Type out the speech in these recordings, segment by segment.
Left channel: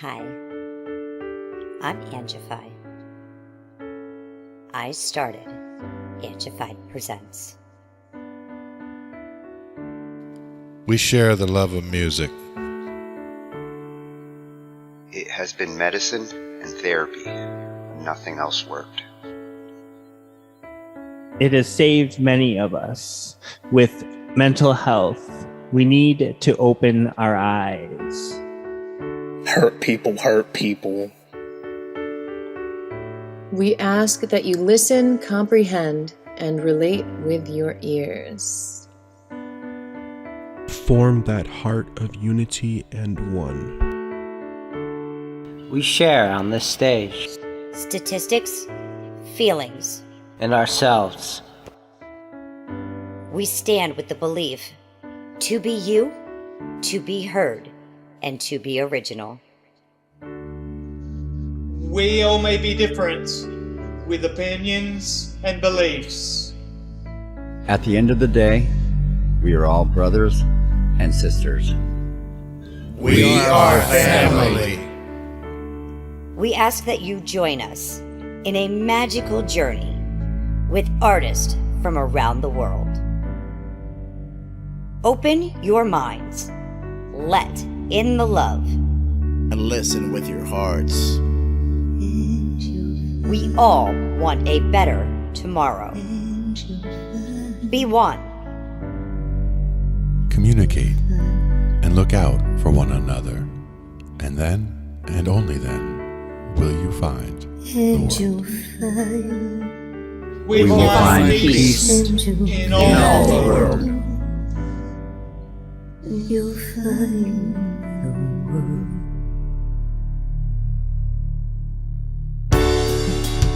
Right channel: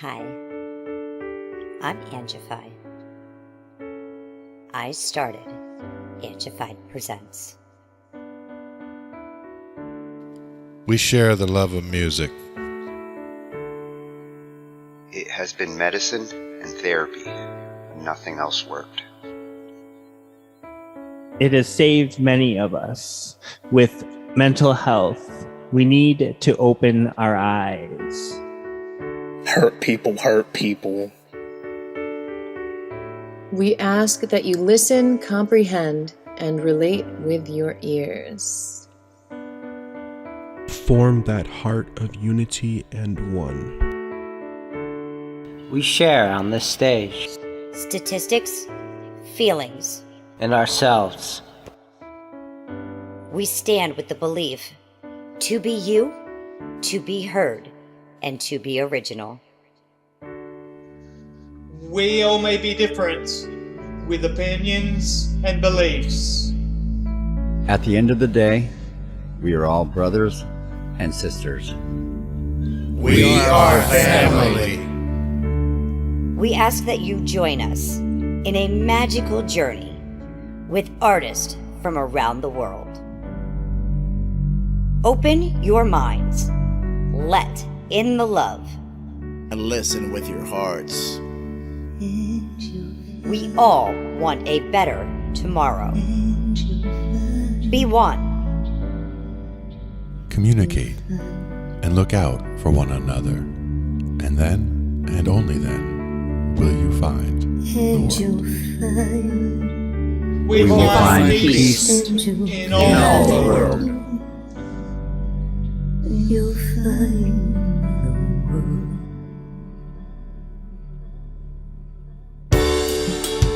Hi, I'm Angified. I started Angified Presents. We share the love of music. It has been medicine and therapy. Nothing else worked. It has saved many of us. With mental health, we need to open our eyes. Hurt people. We ask that you listen, comprehend, and relate with your ears. Form that heart of unity and one. We share on this stage. Statistics, feelings. And ourselves. We stand with the belief to be you, to be heard, and to be original. We all may be different, with opinions and beliefs. At the end of the day, we are all brothers and sisters. We are family. We ask that you join us in a magical journey with artists from around the world. Open your minds, let in the love, and listen with your hearts. We all want a better tomorrow. Be one. Communicate and look out for one another. And then, and only then, will you find the world. We will find peace in all the world. You'll find the world.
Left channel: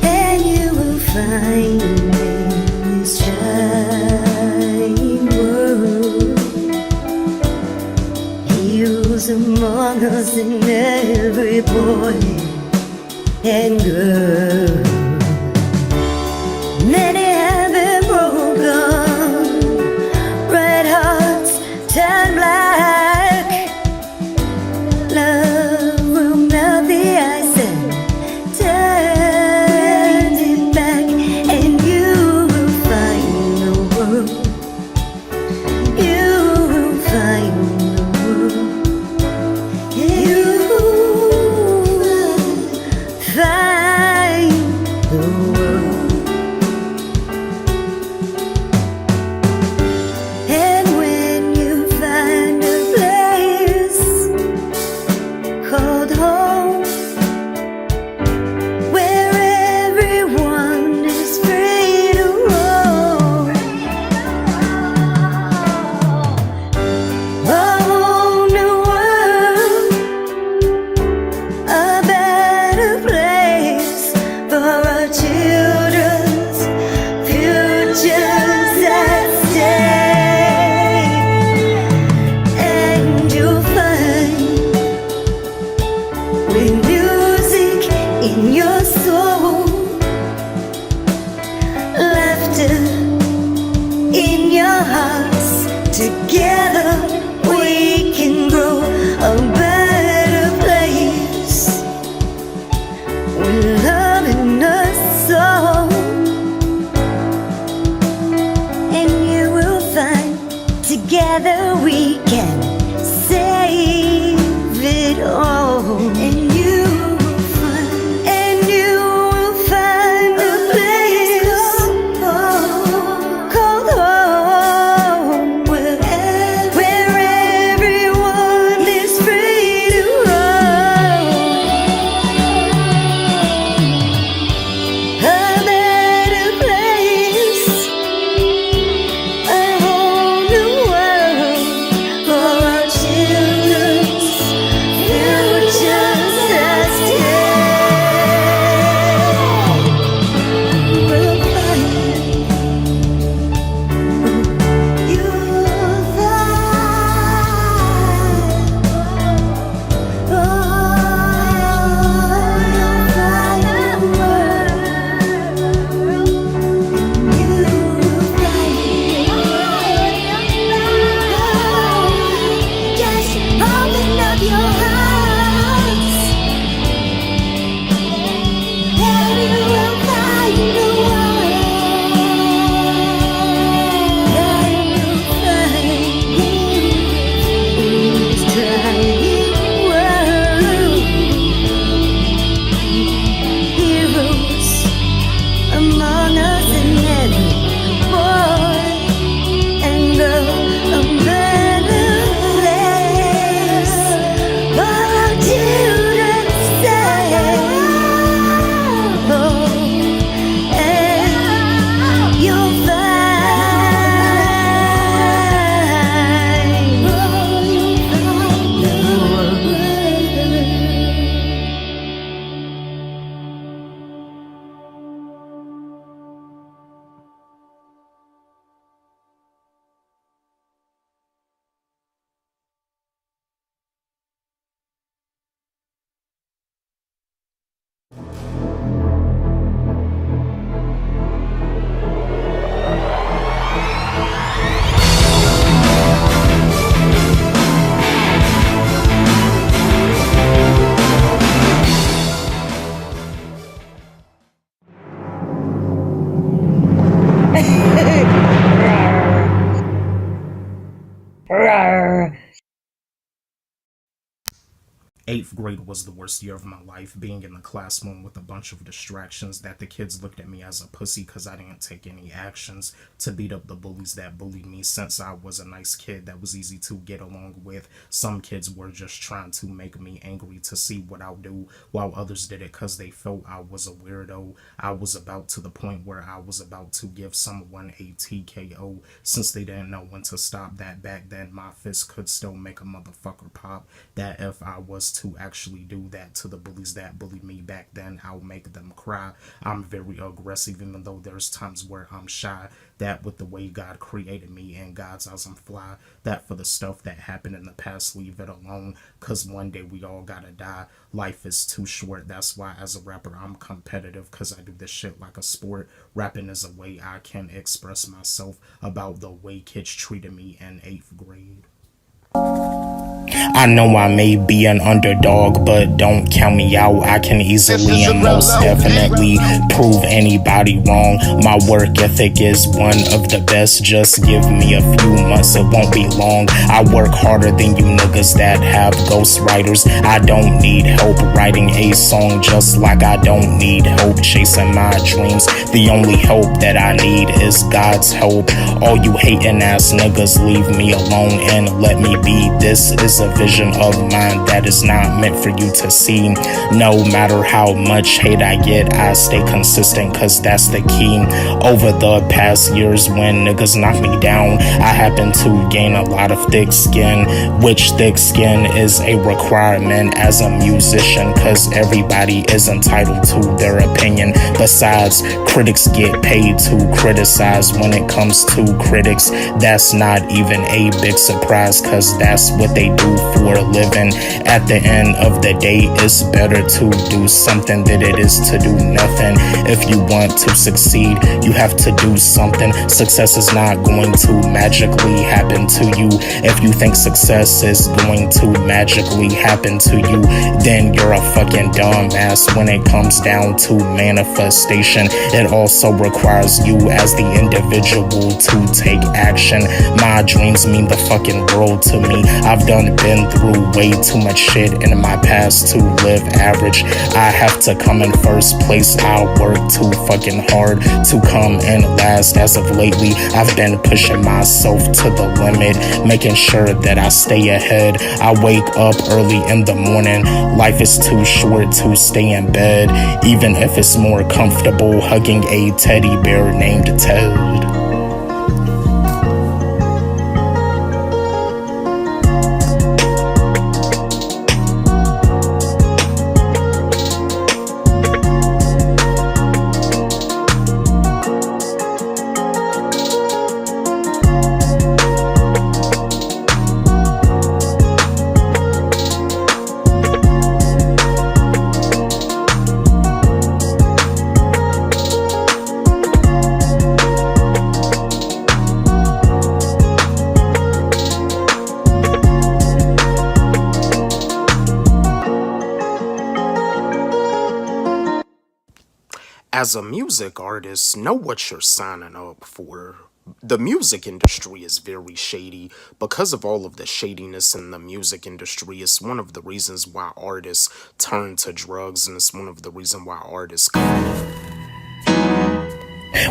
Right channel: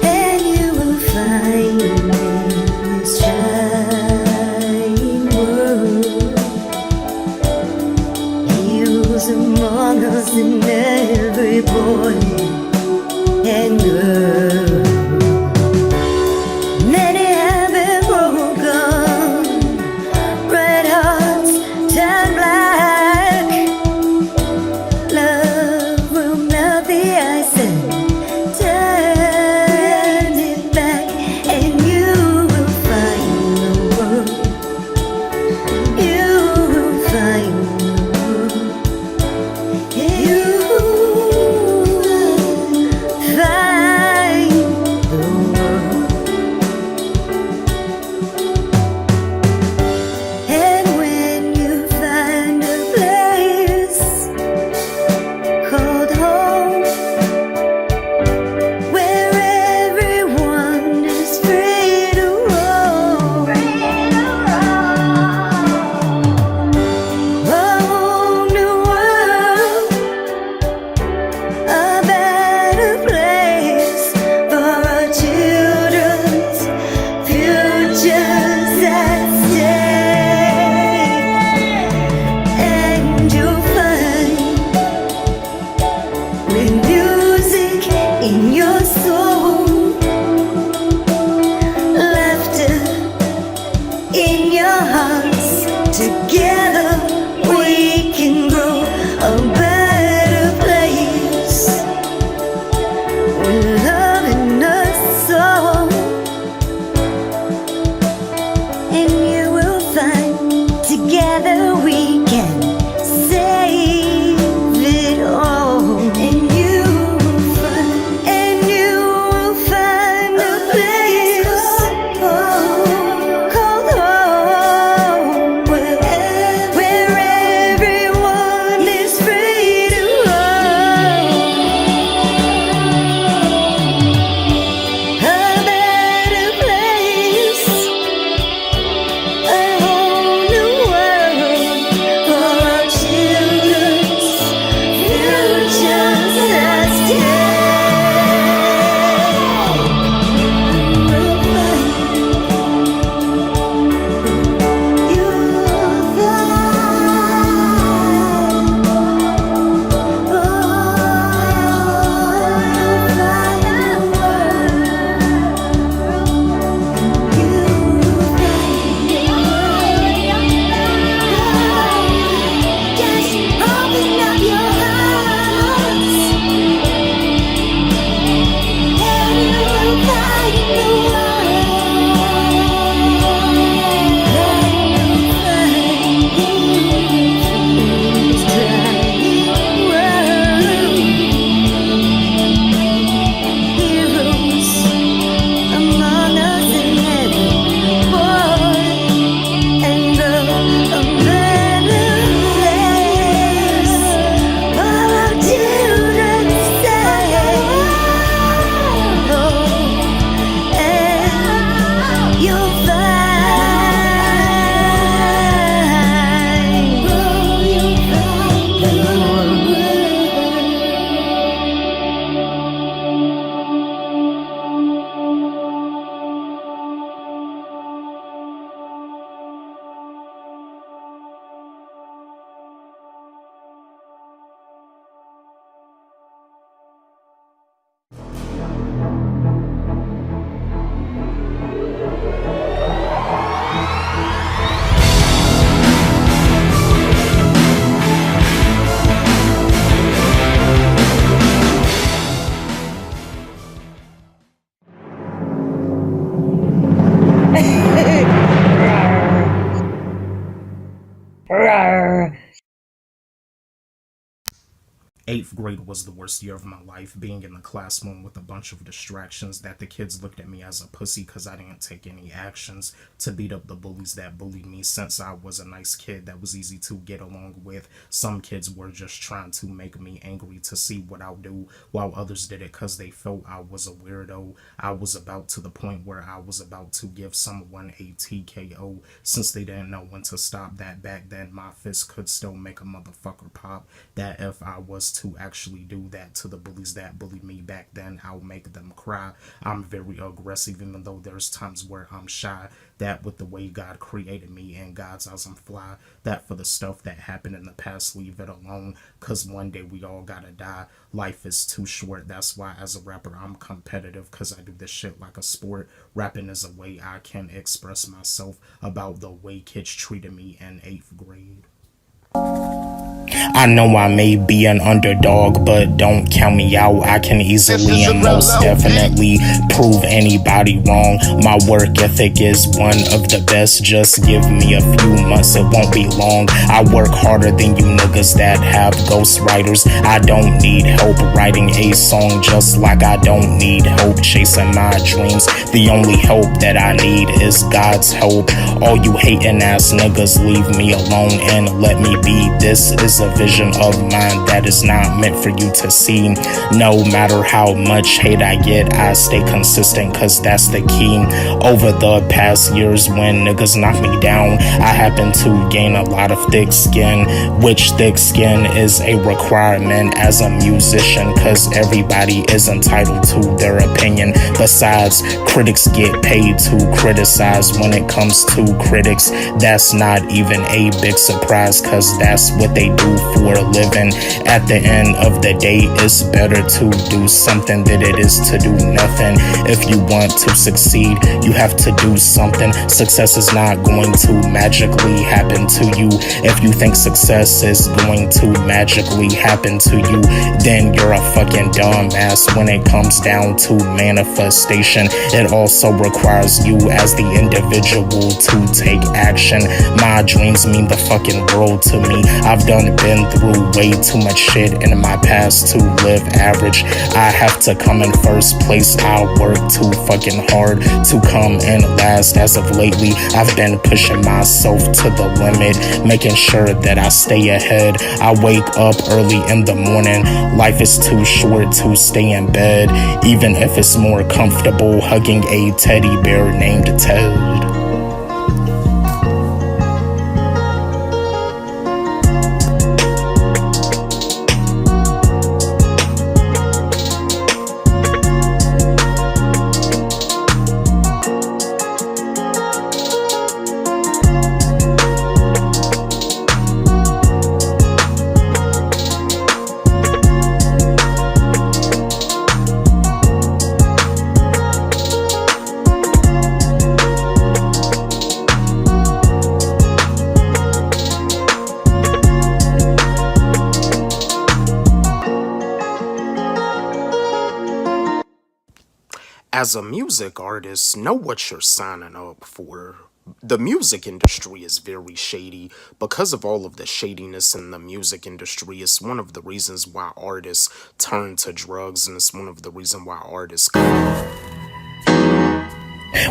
And you will find in this shining world heroes among us and every boy and girl. Many have been broken, red hearts turn black. Love will melt the ice and turn it back, and you will find the world. You will find the world. You will find the world. And when you find a place called home, where everyone is free to roam, a whole new world, a better place for our children's futures at stake. And you'll find, with music in your soul, laughter in your hearts, together we can grow a better place, with love in us all. And you will find, together we can save it all. And you will find, a place called home, where 8th grade was the worst year of my life, being in the classroom with a bunch of distractions that the kids looked at me as a pussy because I didn't take any actions to beat up the bullies that bullied me. Since I was a nice kid that was easy to get along with, some kids were just trying to make me angry to see what I'll do, while others did it because they felt I was a weirdo. I was about to the point where I was about to give someone a TKO. Since they didn't know when to stop, that back then my fist could still make a motherfucker pop. That if I was to actually do that to the bullies that bullied me back then, I'll make them cry. I'm very aggressive, even though there's times where I'm shy. That with the way God created me and God's eyes, I'm fly. That for the stuff that happened in the past, leave it alone, cause one day we all gotta die. Life is too short. That's why as a rapper I'm competitive, cause I do this shit like a sport. Rapping is a way I can express myself about the way kids treated me in 8th grade. I know I may be an underdog, but don't count me out. I can easily and most definitely prove anybody wrong. My work ethic is one of the best. Just give me a few months, it won't be long. I work harder than you niggas that have ghostwriters. I don't need help writing a song, just like I don't need help chasing my dreams. The only help that I need is God's help. All you hating ass niggas, leave me alone and let me be. This is a vision of mine that is not meant for you to see. No matter how much hate I get, I stay consistent, cause that's the key. Over the past years when niggas knock me down, I happen to gain a lot of thick skin, which thick skin is a requirement as a musician, cause everybody is entitled to their opinion. Besides, critics get paid to criticize. When it comes to critics, that's not even a big surprise, cause that's what they do for a living. At the end of the day, it's better to do something than it is to do nothing. If you want to succeed, you have to do something. Success is not going to magically happen to you. If you think success is going to magically happen to you, then you're a fucking dumbass. When it comes down to manifestation, it also requires you as the individual to take action. My dreams mean the fucking world to me. I've been through way too much shit in my past to live average. I have to come in first place. I work too fucking hard to come in last. As of lately, I've been pushing myself to the limit, making sure that I stay ahead. I wake up early in the morning. Life is too short to stay in bed, even if it's more comfortable hugging a teddy bear named Ted. As a music artist, know what you're signing up for. The music industry is very shady. Because of all of the shadiness in the music industry, it's one of the reasons why artists turn to drugs, and it's one of the reasons why artists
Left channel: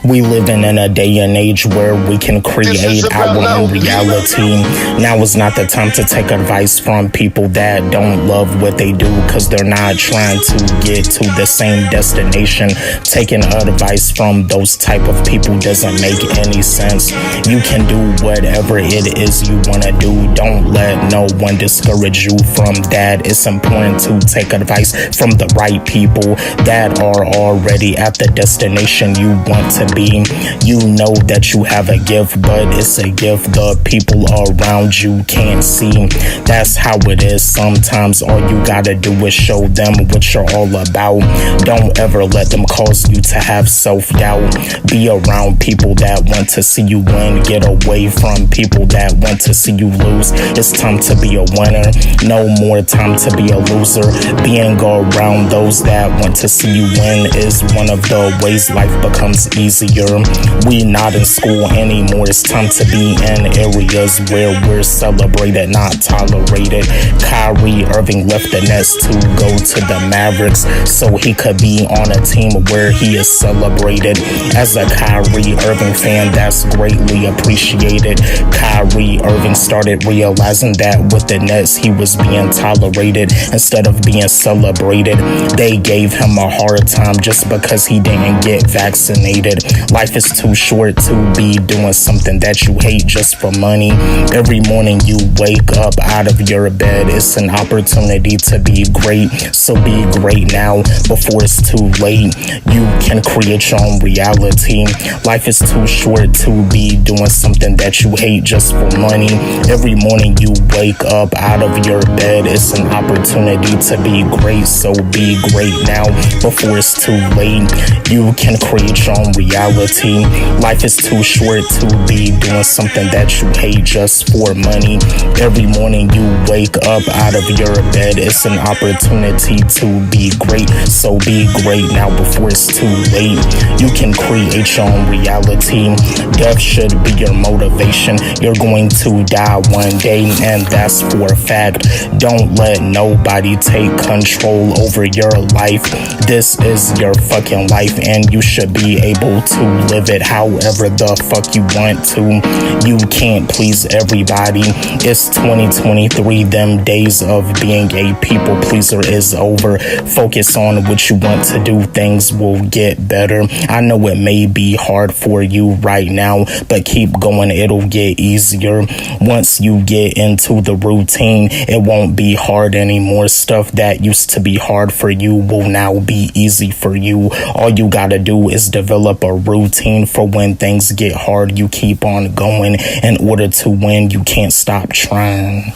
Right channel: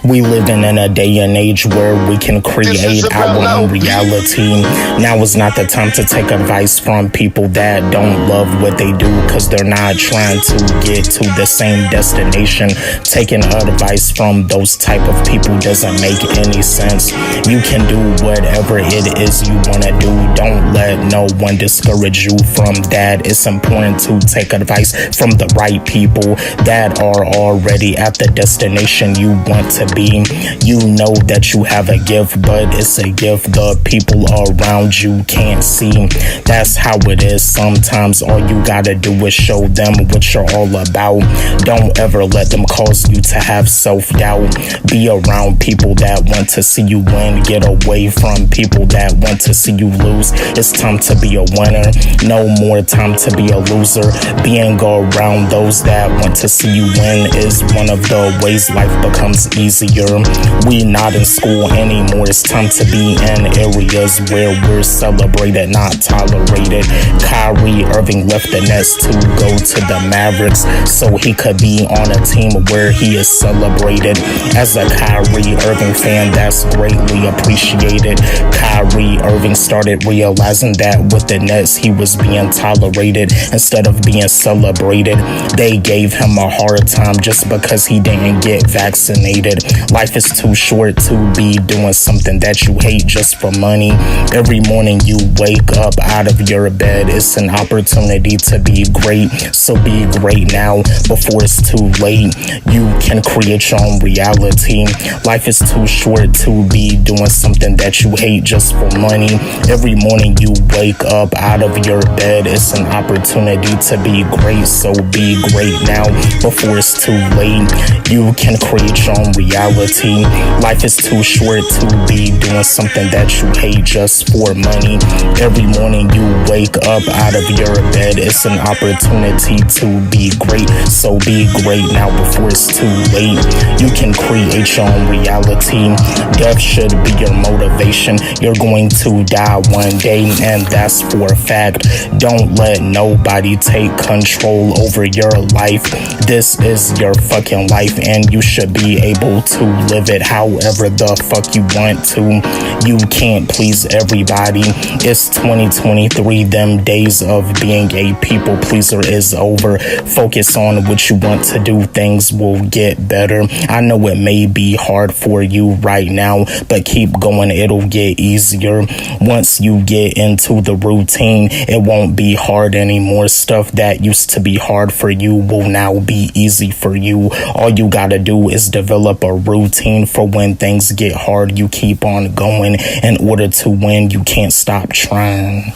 We living in a day and age where we can create our own reality. Now is not the time to take advice from people that don't love what they do, cause they're not trying to get to the same destination. Taking advice from those type of people doesn't make any sense. You can do whatever it is you wanna do. Don't let no one discourage you from that. It's important to take advice from the right people that are already at the destination you want to be. You know that you have a gift, but it's a gift the people around you can't see. That's how it is. Sometimes all you gotta do is show them what you're all about. Don't ever let them cause you to have self-doubt. Be around people that want to see you win. Get away from people that want to see you lose. It's time to be a winner, no more time to be a loser. Being around those that want to see you win is one of the ways life becomes easier. We not in school anymore, it's time to be in areas where we're celebrated, not tolerated. Kyrie Irving left the Nets to go to the Mavericks so he could be on a team where he is celebrated. As a Kyrie Irving fan, that's greatly appreciated. Kyrie Irving started realizing that with the Nets he was being tolerated instead of being celebrated. They gave him a hard time just because he didn't get vaccinated. Life is too short to be doing something that you hate just for money. Every morning you wake up out of your bed, it's an opportunity to be great. So be great now before it's too late. You can create your own reality. Life is too short to be doing something that you hate just for money. Every morning you wake up out of your bed, it's an opportunity to be great. So be great now before it's too late. You can create your own reality. Life is too short to be doing something that you hate just for money. Every morning you wake up out of your bed, it's an opportunity to be great. So be great now before it's too late. You can create your own reality. Death should be your motivation. You're going to die one day, and that's for a fact. Don't let nobody take control over your life. This is your fucking life, and you should be able to live it however the fuck you want to. You can't please everybody. It's 2023. Them days of being a people pleaser is over. Focus on what you want to do. Things will get better. I know it may be hard for you right now, but keep going. It'll get easier. Once you get into the routine, it won't be hard anymore. Stuff that used to be hard for you will now be easy for you. All you gotta do is develop a routine for when things get hard. You keep on going. In order to win, you can't stop trying.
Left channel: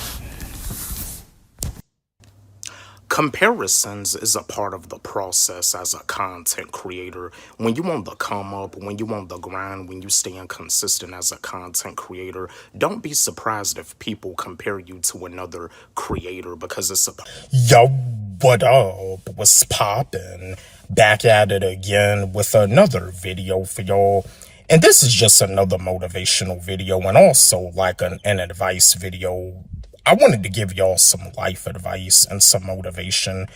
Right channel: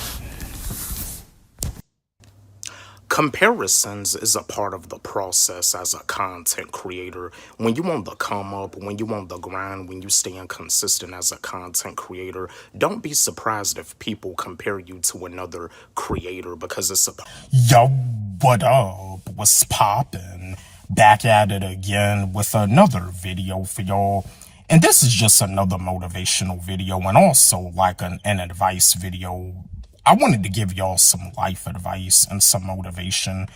Comparisons is a part of the process as a content creator. When you want the come up, when you want the grind, when you staying consistent as a content creator, don't be surprised if people compare you to another creator, because it's a... Yo, what up? What's poppin'? Back at it again with another video for y'all. And this is just another motivational video and also like an advice video. I wanted to give y'all some life advice and some motivation,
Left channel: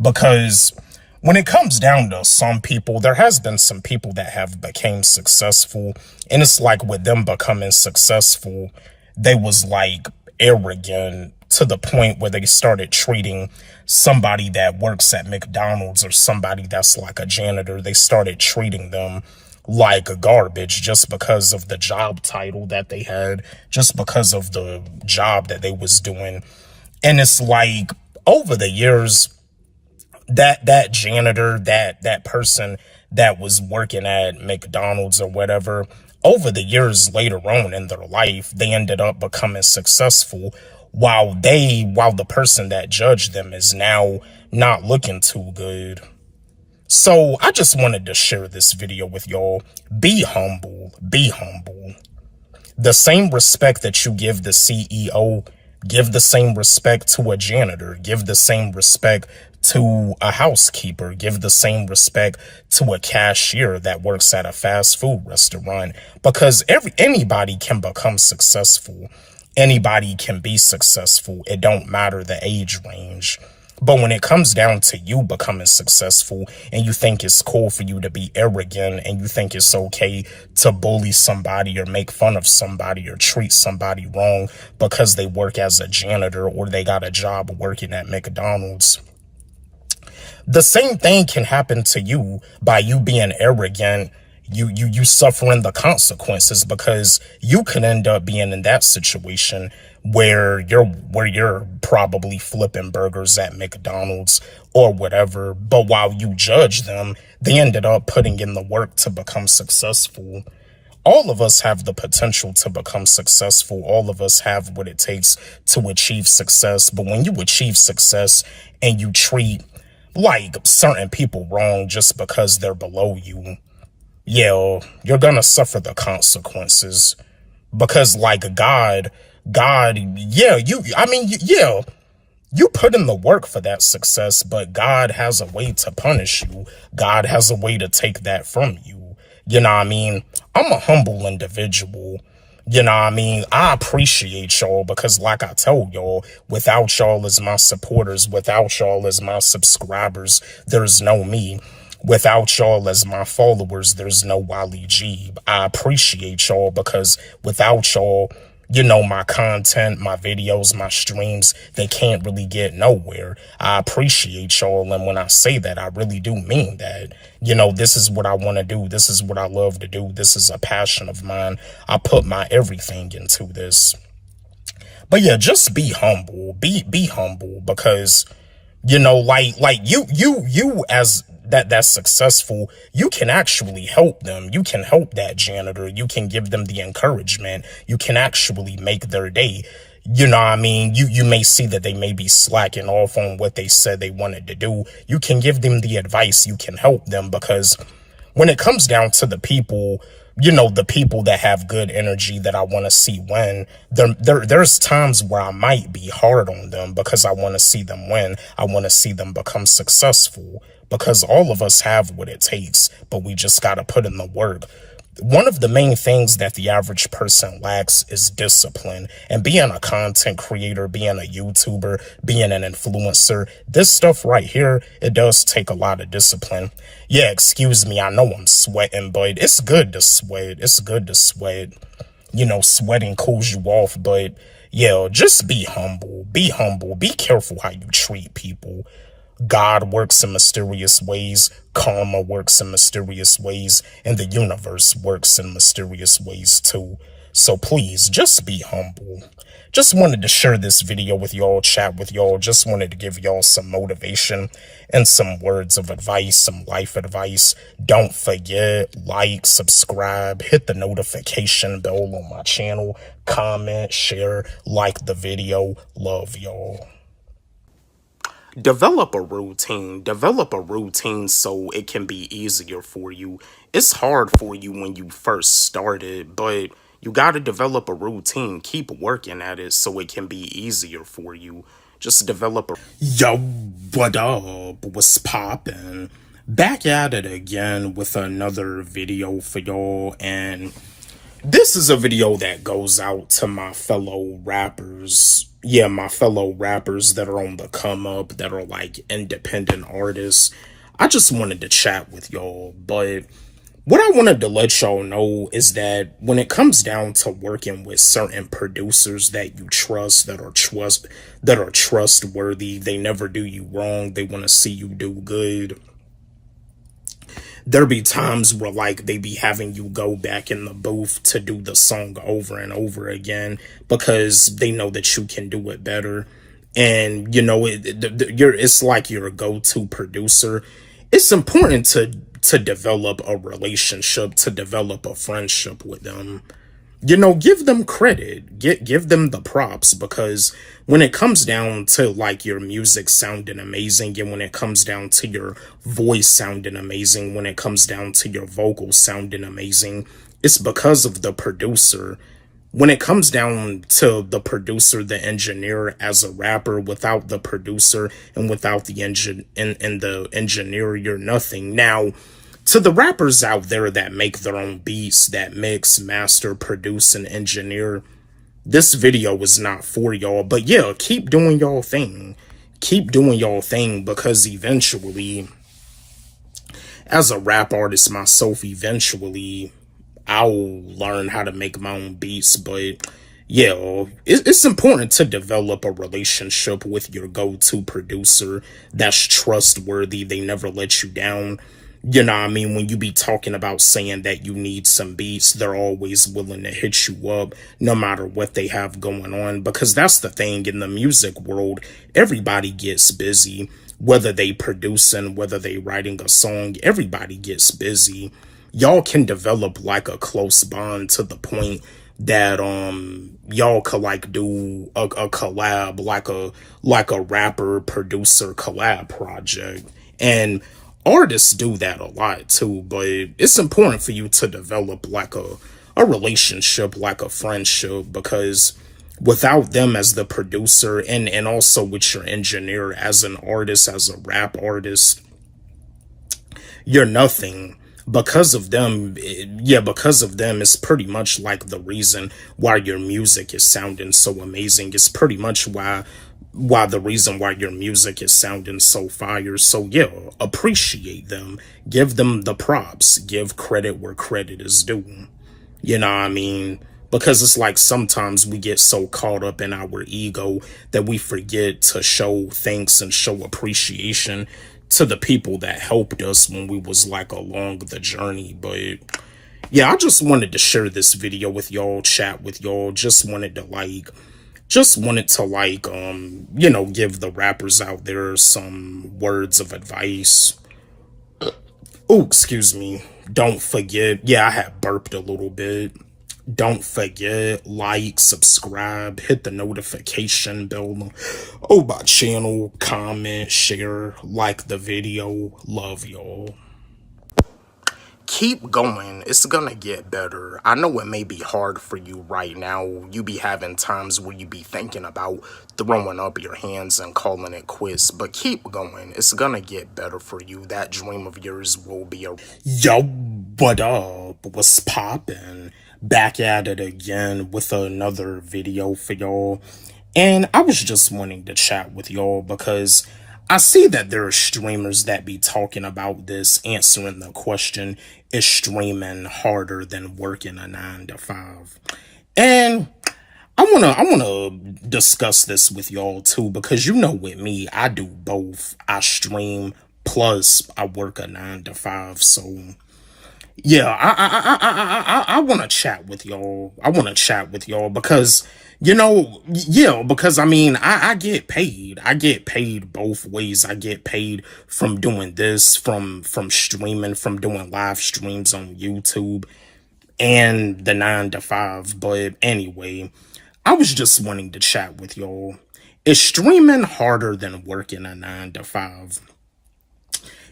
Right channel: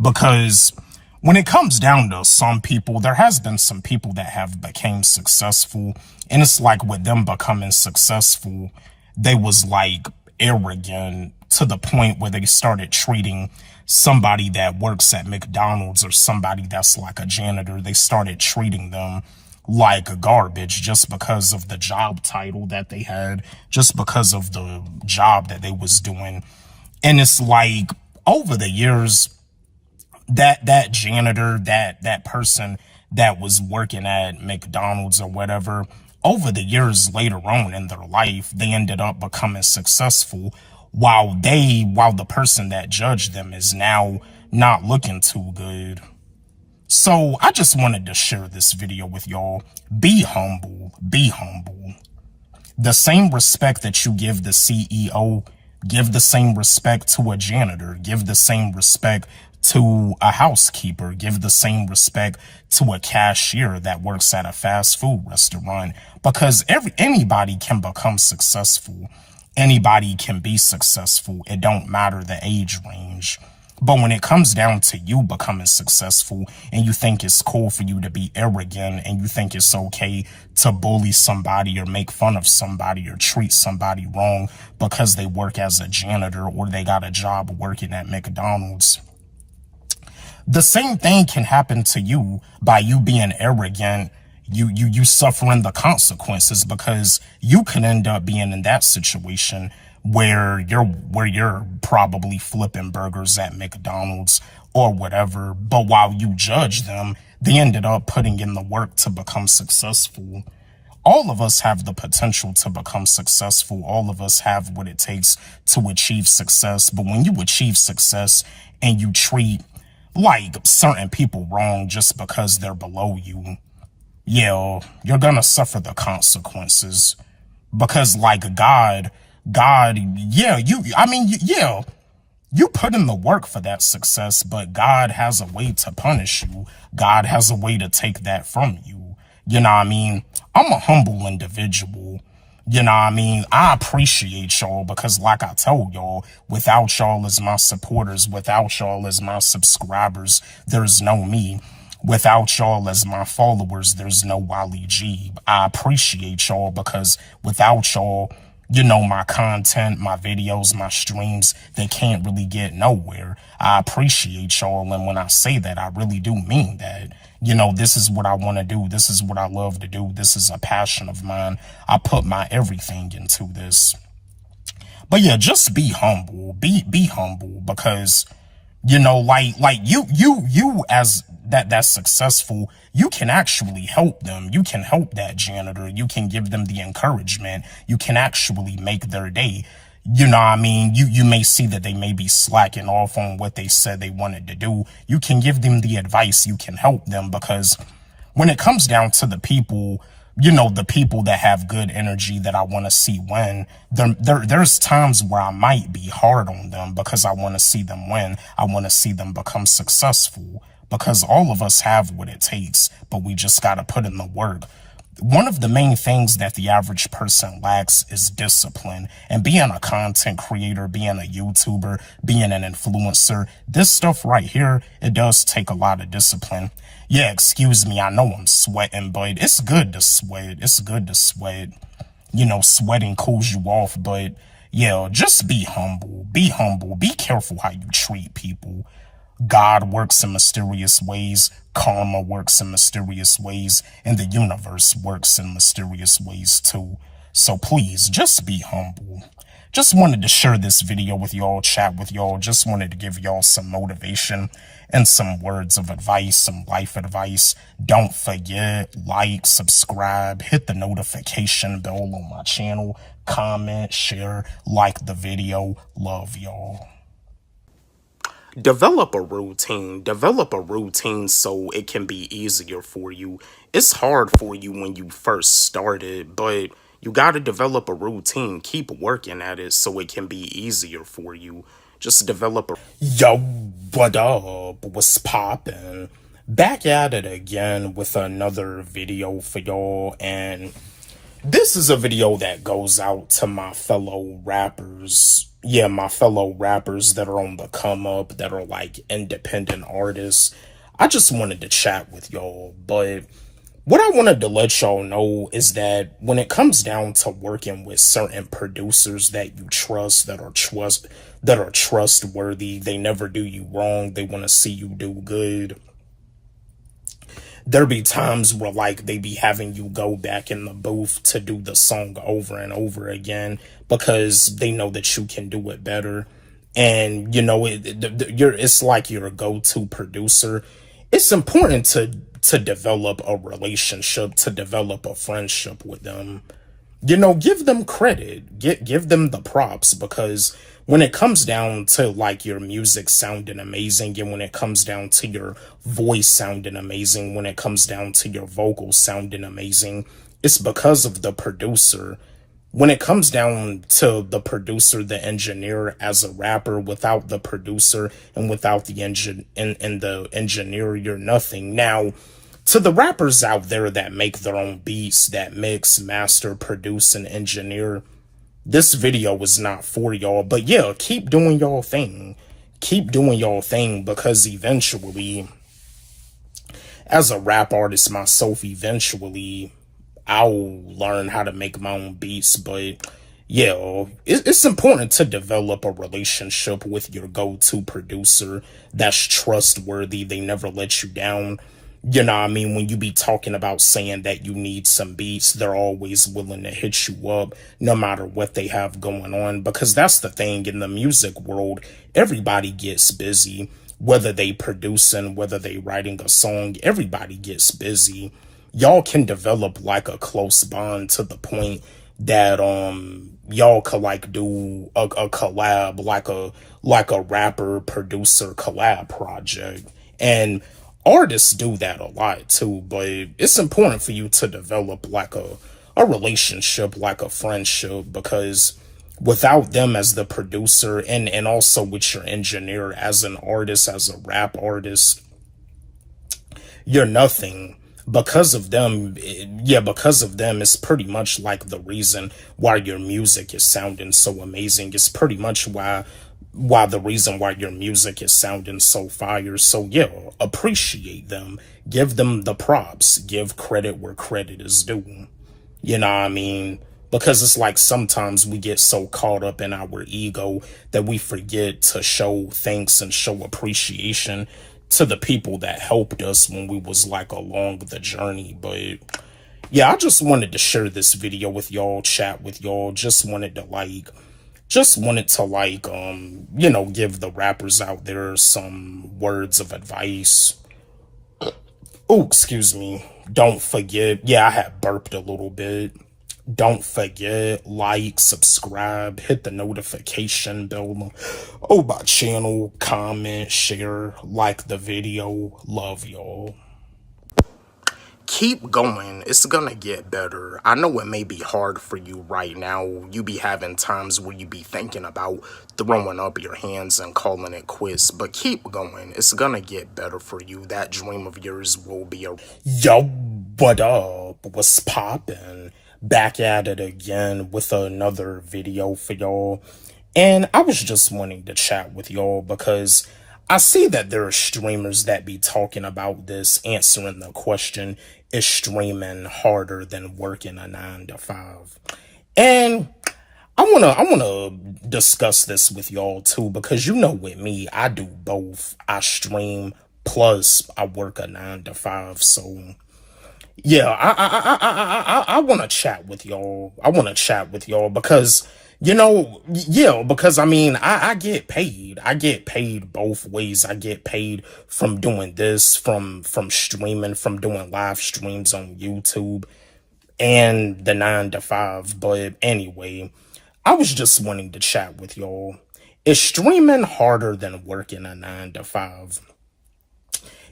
because when it comes down to some people, there has been some people that have became successful, and it's like with them becoming successful, they was like arrogant to the point where they started treating somebody that works at McDonald's or somebody that's like a janitor, they started treating them like garbage just because of the job title that they had, just because of the job that they was doing. And it's like over the years, that janitor, that person that was working at McDonald's or whatever, over the years later on in their life, they ended up becoming successful while the person that judged them is now not looking too good. So I just wanted to share this video with y'all. Be humble. Be humble. The same respect that you give the CEO, give the same respect to a janitor. Give the same respect to a housekeeper. Give the same respect to a cashier that works at a fast food restaurant. Because anybody can become successful. Anybody can be successful. It don't matter the age range. But when it comes down to you becoming successful and you think it's cool for you to be arrogant and you think it's okay to bully somebody or make fun of somebody or treat somebody wrong because they work as a janitor or they got a job working at McDonald's, the same thing can happen to you by you being arrogant. You suffering the consequences, because you can end up being in that situation where you're probably flipping burgers at McDonald's or whatever, but while you judge them, they ended up putting in the work to become successful. All of us have the potential to become successful. All of us have what it takes to achieve success. But when you achieve success and you treat like certain people wrong just because they're below you, yeah, you're gonna suffer the consequences. Because like God, yeah, you put in the work for that success, but God has a way to punish you. God has a way to take that from you. You know what I mean? I'm a humble individual. You know what I mean? I appreciate y'all because like I told y'all, without y'all as my supporters, without y'all as my subscribers, there's no me. Without y'all as my followers, there's no Walle G. I appreciate y'all because without y'all, you know, my content, my videos, my streams, they can't really get nowhere. I appreciate y'all. And when I say that, I really do mean that. You know, this is what I want to do. This is what I love to do. This is a passion of mine. I put my everything into this. But yeah, just be humble. Be humble because, you know, like you as that's successful, you can actually help them. You can help that janitor. You can give them the encouragement. You can actually make their day. You know what I mean? You may see that they may be slacking off on what they said they wanted to do. You can give them the advice. You can help them because when it comes down to the people, you know, the people that have good energy that I want to see win, there's times where I might be hard on them because I want to see them win. I want to see them become successful because all of us have what it takes, but we just got to put in the work. One of the main things that the average person lacks is discipline. And being a content creator, being a YouTuber, being an influencer, this stuff right here, it does take a lot of discipline. Yeah, excuse me, I know I'm sweating, but it's good to sweat. It's good to sweat. You know, sweating cools you off, but yeah, just be humble. Be humble. Be careful how you treat people. God works in mysterious ways, karma works in mysterious ways, and the universe works in mysterious ways too. So please, just be humble. Just wanted to share this video with y'all, chat with y'all, just wanted to give y'all some motivation and some words of advice, some life advice. Don't forget, like, subscribe, hit the notification bell on my channel, comment, share, like the video. Love y'all. Develop a routine so it can be easier for you. It's hard for you when you first started, but you got to develop a routine. Keep working at it so it can be easier for you. Just develop a... Yo, what up? What's poppin'? Back at it again with another video for y'all, and this is a video that goes out to my fellow rappers. Yeah, my fellow rappers that are on the come up, that are like independent artists. I just wanted to chat with y'all, but what I wanted to let y'all know is that when it comes down to working with certain producers that you trust, that are trustworthy, they never do you wrong, they want to see you do good. There be times where like they be having you go back in the booth to do the song over and over again because they know that you can do it better. And you know, it's like you're a go-to producer. It's important to develop a relationship, to develop a friendship with them. You know, give them credit, give them the props, because when it comes down to like your music sounding amazing, and when it comes down to your voice sounding amazing, when it comes down to your vocals sounding amazing, it's because of the producer. When it comes down to the producer, the engineer as a rapper, without the producer and without the engineer, you're nothing. Now, to the rappers out there that make their own beats, that mix, master, produce, and engineer, this video was not for y'all. But yeah, keep doing y'all thing. Keep doing y'all thing, because eventually, as a rap artist myself, eventually I'll learn how to make my own beats. But yeah, it's important to develop a relationship with your go-to producer that's trustworthy. They never let you down. You know what I mean? When you be talking about saying that you need some beats, they're always willing to hit you up no matter what they have going on. Because that's the thing, in the music world, everybody gets busy. Whether they producing, whether they writing a song, everybody gets busy. Y'all can develop like a close bond to the point that y'all could like do a collab, like a rapper producer collab project. And artists do that a lot too, but it's important for you to develop like a relationship, like a friendship, because without them as the producer and also with your engineer as an artist, as a rap artist, you're nothing. because of them, it's pretty much like the reason why your music is sounding so amazing. It's pretty much why the reason why your music is sounding so fire. So yeah, appreciate them, give them the props, give credit where credit is due. You know what I mean? Because it's like sometimes we get so caught up in our ego that we forget to show thanks and show appreciation to the people that helped us when we was like along the journey. But yeah, I just wanted to share this video with y'all, chat with y'all. Just wanted to you know, give the rappers out there some words of advice. Oh, excuse me. Don't forget. Yeah, I had burped a little bit. Don't forget, like, subscribe, hit the notification bell. Oh, my channel, comment, share, like the video. Love y'all. Keep going. It's gonna get better. I know it may be hard for you right now. You be having times where you be thinking about throwing up your hands and calling it quits, but keep going. It's gonna get better for you. That dream of yours will be a... Yo, what up? What's poppin'? Back at it again with another video for y'all. And I was just wanting to chat with y'all because I see that there are streamers that be talking about this, answering the question, is streaming harder than working a 9-to-5? And I wanna discuss this with y'all too, because you know with me, I do both. I stream plus I work a 9-to-5, so yeah, I want to chat with y'all. I want to chat with y'all because, you know, yeah, because I mean, I get paid. I get paid both ways. I get paid from doing this, from streaming, from doing live streams on YouTube and the 9-to-5. But anyway, I was just wanting to chat with y'all. Is streaming harder than working a 9-to-5?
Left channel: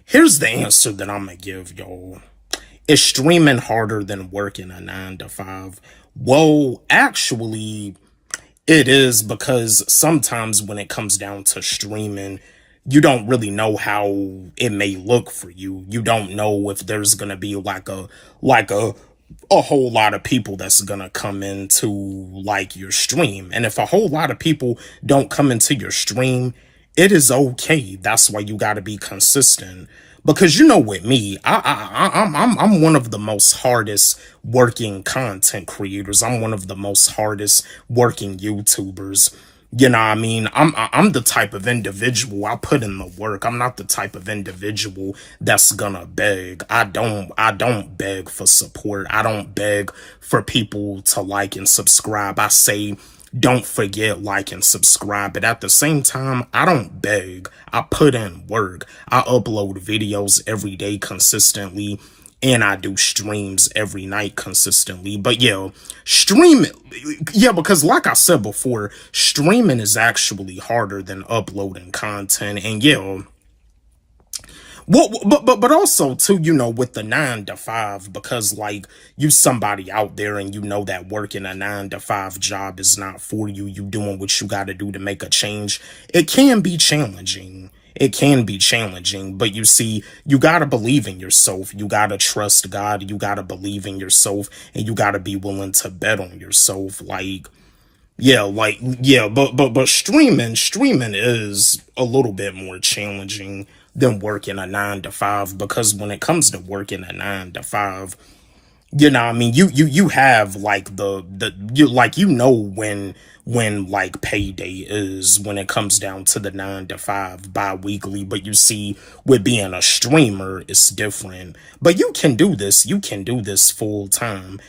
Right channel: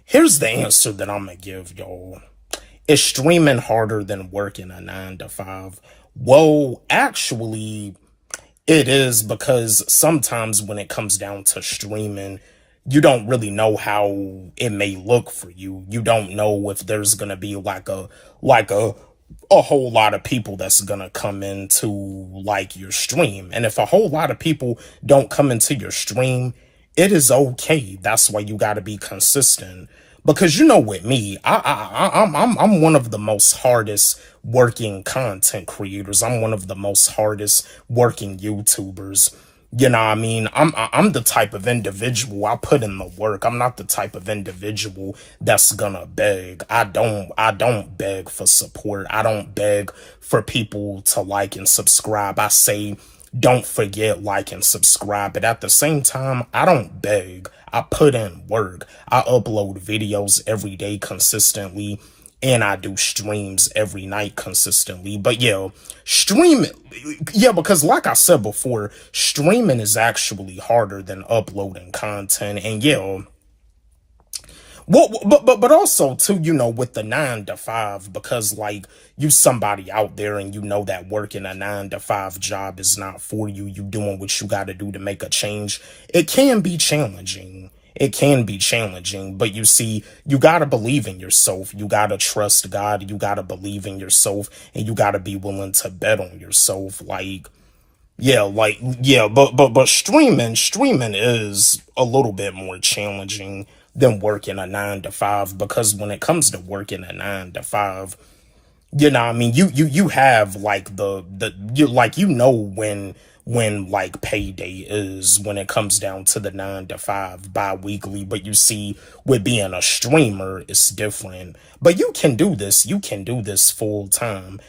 Here's the answer that I'm going to give y'all. Is streaming harder than working a 9-to-5? Well, actually, it is, because sometimes when it comes down to streaming, you don't really know how it may look for you. You don't know if there's going to be like a whole lot of people that's going to come into like your stream. And if a whole lot of people don't come into your stream, it is okay. That's why you got to be consistent. Because you know, with me, I'm one of the most hardest working content creators. I'm one of the most hardest working YouTubers. You know what I mean? I'm the type of individual, I put in the work. I'm not the type of individual that's gonna beg. I don't beg for support. I don't beg for people to like and subscribe. I say, don't forget, like and subscribe. But at the same time, I don't beg. I put in work. I upload videos every day consistently, and I do streams every night consistently. But yeah, streaming, yeah, because like I said before, streaming is actually harder than uploading content. And yeah, well, but also too, you know, with the 9-to-5, because like you somebody out there and you know that working a 9-to-5 job is not for you. You doing what you got to do to make a change. It can be challenging. It can be challenging, but you see, you got to believe in yourself. You got to trust God. You got to believe in yourself, and you got to be willing to bet on yourself. But streaming is a little bit more challenging than working a 9-to-5, because when it comes to working a 9-to-5, you know what I mean, you have like you know when like payday is, when it comes down to the 9-to-5 bi-weekly. But you see, with being a streamer, it's different. But you can do this full time.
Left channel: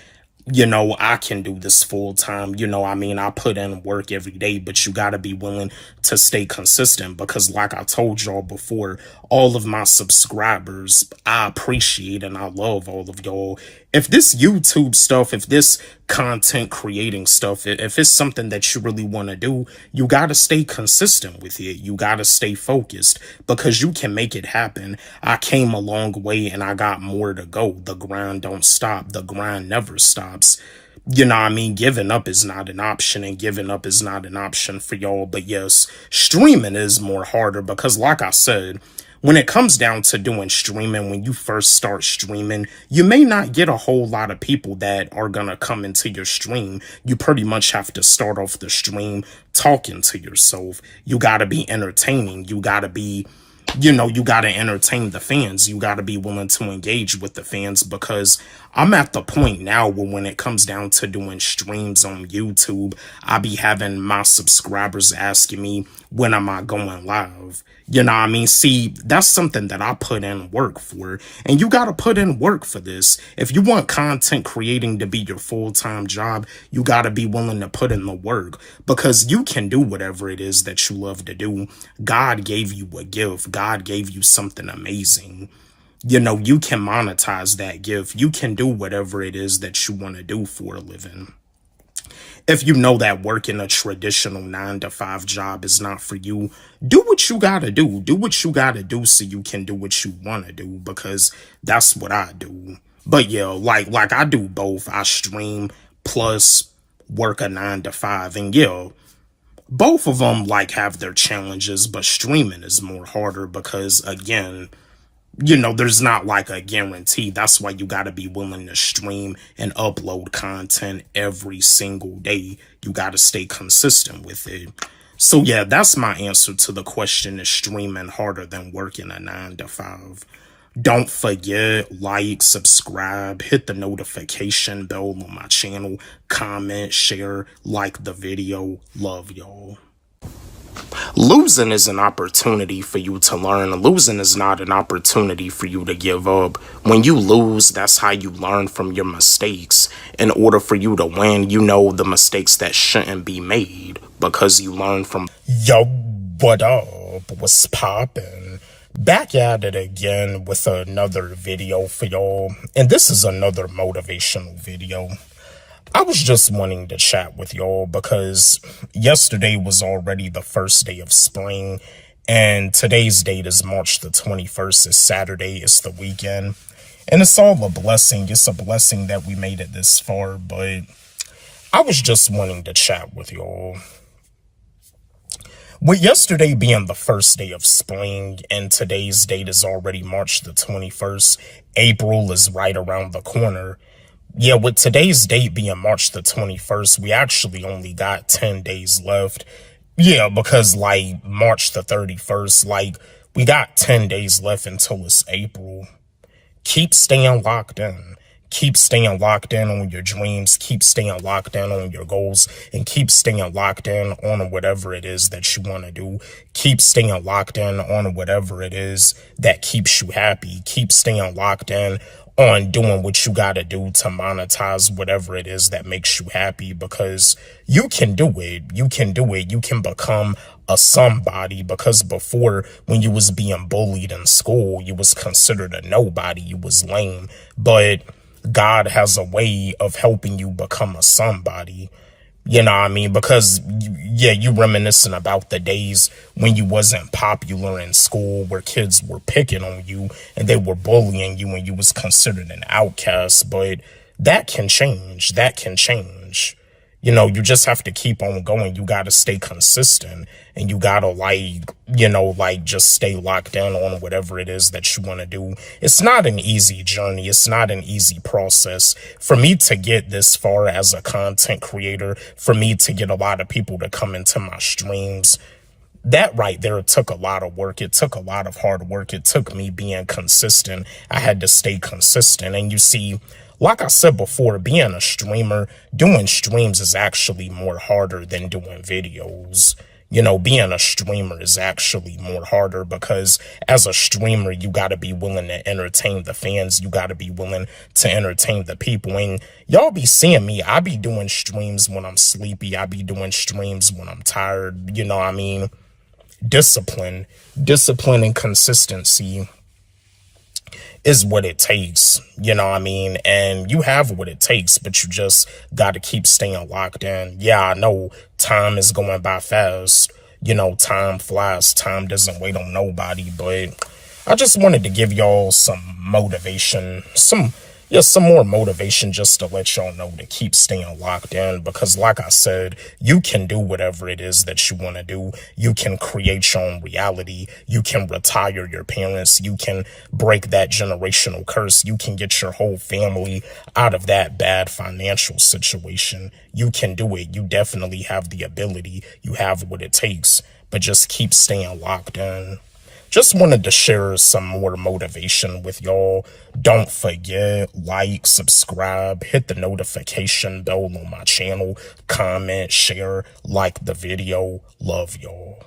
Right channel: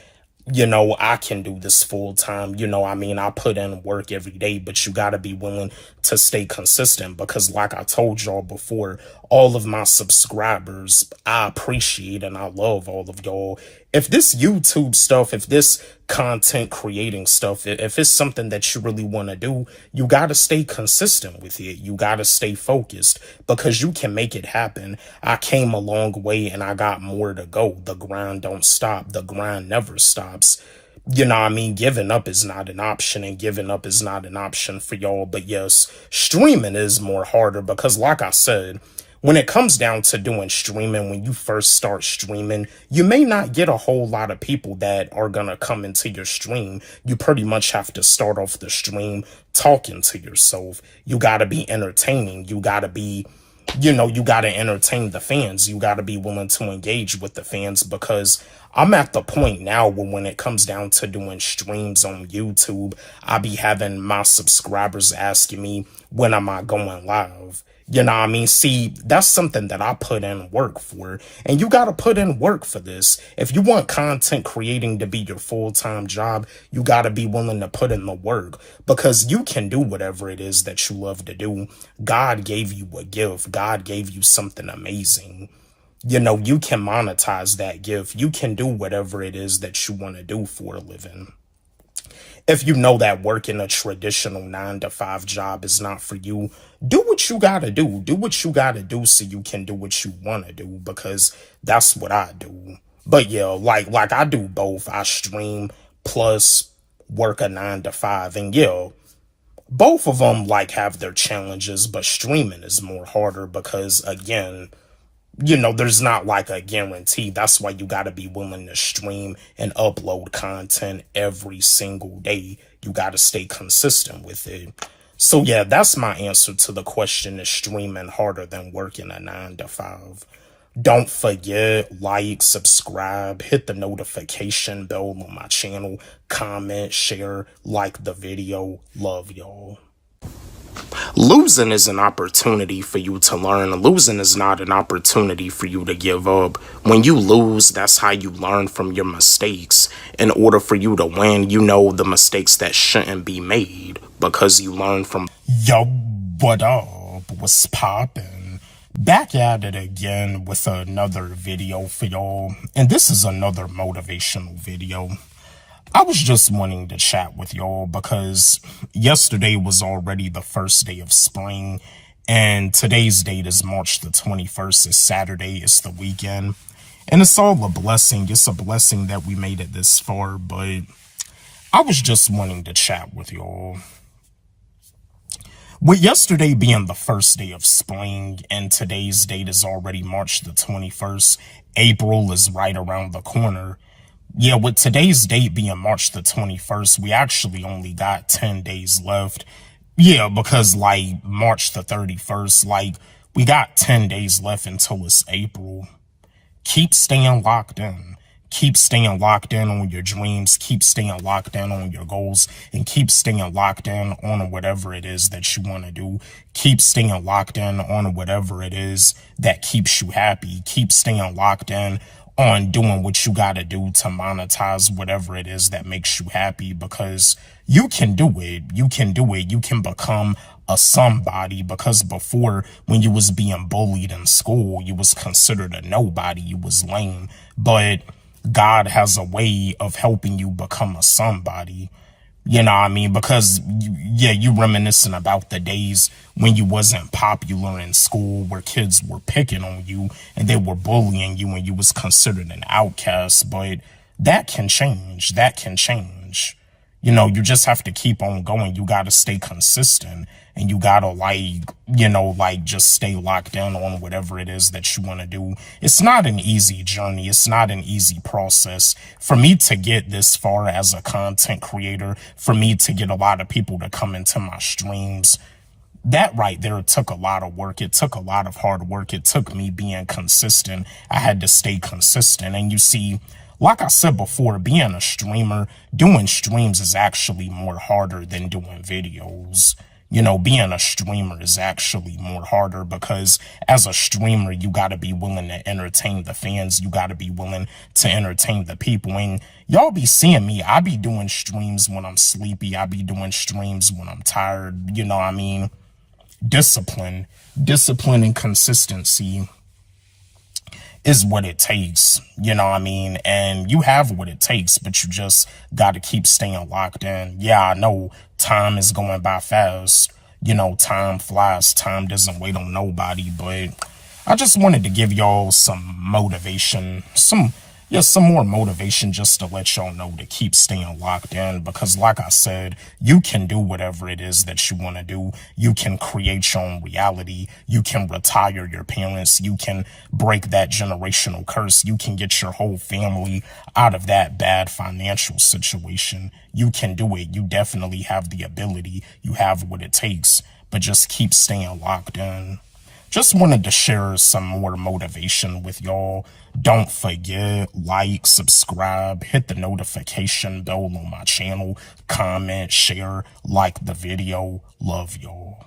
You know, I can do this full time. You know, I mean, I put in work every day, but you got to be willing to stay consistent, because like I told y'all before, all of my subscribers, I appreciate and I love all of y'all. If this YouTube stuff, if this content creating stuff, if it's something that you really want to do, you got to stay consistent with it. You got to stay focused, because you can make it happen. I came a long way and I got more to go. The grind don't stop. The grind never stops. You know what I mean? Giving up is not an option, and giving up is not an option for y'all. But yes, streaming is more harder, because like I said, when it comes down to doing streaming, when you first start streaming, you may not get a whole lot of people that are going to come into your stream. You pretty much have to start off the stream talking to yourself. You got to be entertaining. You got to be, you got to entertain the fans. You got to be willing to engage with the fans, because I'm at the point now where when it comes down to doing streams on YouTube, I be having my subscribers asking me, when am I going live? You know what I mean? See, that's something that I put in work for, and you got to put in work for this. If you want content creating to be your full-time job, you got to be willing to put in the work, because you can do whatever it is that you love to do. God gave you a gift. God gave you something amazing. You can monetize that gift. You can do whatever it is that you want to do for a living. If you know that working a traditional 9-to-5 job is not for you, do what you gotta do. Do what you gotta do so you can do what you want to do, because that's what I do. But yeah, like I do both. I stream plus work a 9-to-5, and yeah, both of them have their challenges, but streaming is more harder because, again, there's not a guarantee. That's why you got to be willing to stream and upload content every single day. You got to stay consistent with it. So yeah, that's my answer to the question: is streaming harder than working a 9-to-5? Don't forget, like, subscribe, hit the notification bell on my channel, comment, share, like the video. Love y'all. Losing is an opportunity for you to learn. Losing is not an opportunity for you to give up. When you lose, that's how you learn from your mistakes. In order for you to win, the mistakes that shouldn't be made, because you learn from. Yo, what up? What's poppin'? Back at it again with another video for y'all. And this is another motivational video. I was just wanting to chat with y'all because yesterday was already the first day of spring, and today's date is March the 21st. It's Saturday. It's the weekend, and it's all a blessing. It's a blessing that we made it this far, but I was just wanting to chat with y'all. With yesterday being the first day of spring and today's date is already March the 21st, April is right around the corner. Yeah, with today's date being March the 21st, we actually only got 10 days left. Yeah, because March the 31st, we got 10 days left until it's April. Keep staying locked in. Keep staying locked in on your dreams. Keep staying locked in on your goals, and keep staying locked in on whatever it is that you want to do. Keep staying locked in on whatever it is that keeps you happy. Keep staying locked in on doing what you got to do to monetize whatever it is that makes you happy, because you can do it. You can do it. You can become a somebody, because before, when you was being bullied in school, you was considered a nobody. You was lame. But God has a way of helping you become a somebody. You know what I mean? Because, yeah, you reminiscing about the days when you wasn't popular in school, where kids were picking on you and they were bullying you and you was considered an outcast. But that can change. That can change. You just have to keep on going. You got to stay consistent, and you got to just stay locked in on whatever it is that you want to do. It's not an easy journey. It's not an easy process. For me to get this far as a content creator, for me to get a lot of people to come into my streams, that right there took a lot of work. It took a lot of hard work. It took me being consistent. I had to stay consistent. And you see, like I said before, being a streamer, doing streams is actually more harder than doing videos. Being a streamer is actually more harder, because as a streamer, you got to be willing to entertain the fans. You got to be willing to entertain the people. And y'all be seeing me. I be doing streams when I'm sleepy. I be doing streams when I'm tired. You know what I mean? Discipline and consistency is what it takes, you know what I mean? And you have what it takes, but you just got to keep staying locked in. Yeah, I know time is going by fast. Time flies. Time doesn't wait on nobody. But I just wanted to give y'all some motivation, some yeah, some more motivation just to let y'all know to keep staying locked in, because like I said, you can do whatever it is that you want to do. You can create your own reality. You can retire your parents. You can break that generational curse. You can get your whole family out of that bad financial situation. You can do it. You definitely have the ability. You have what it takes, but just keep staying locked in. Just wanted to share some more motivation with y'all. Don't forget, like, subscribe, hit the notification bell on my channel, comment, share, like the video. Love y'all.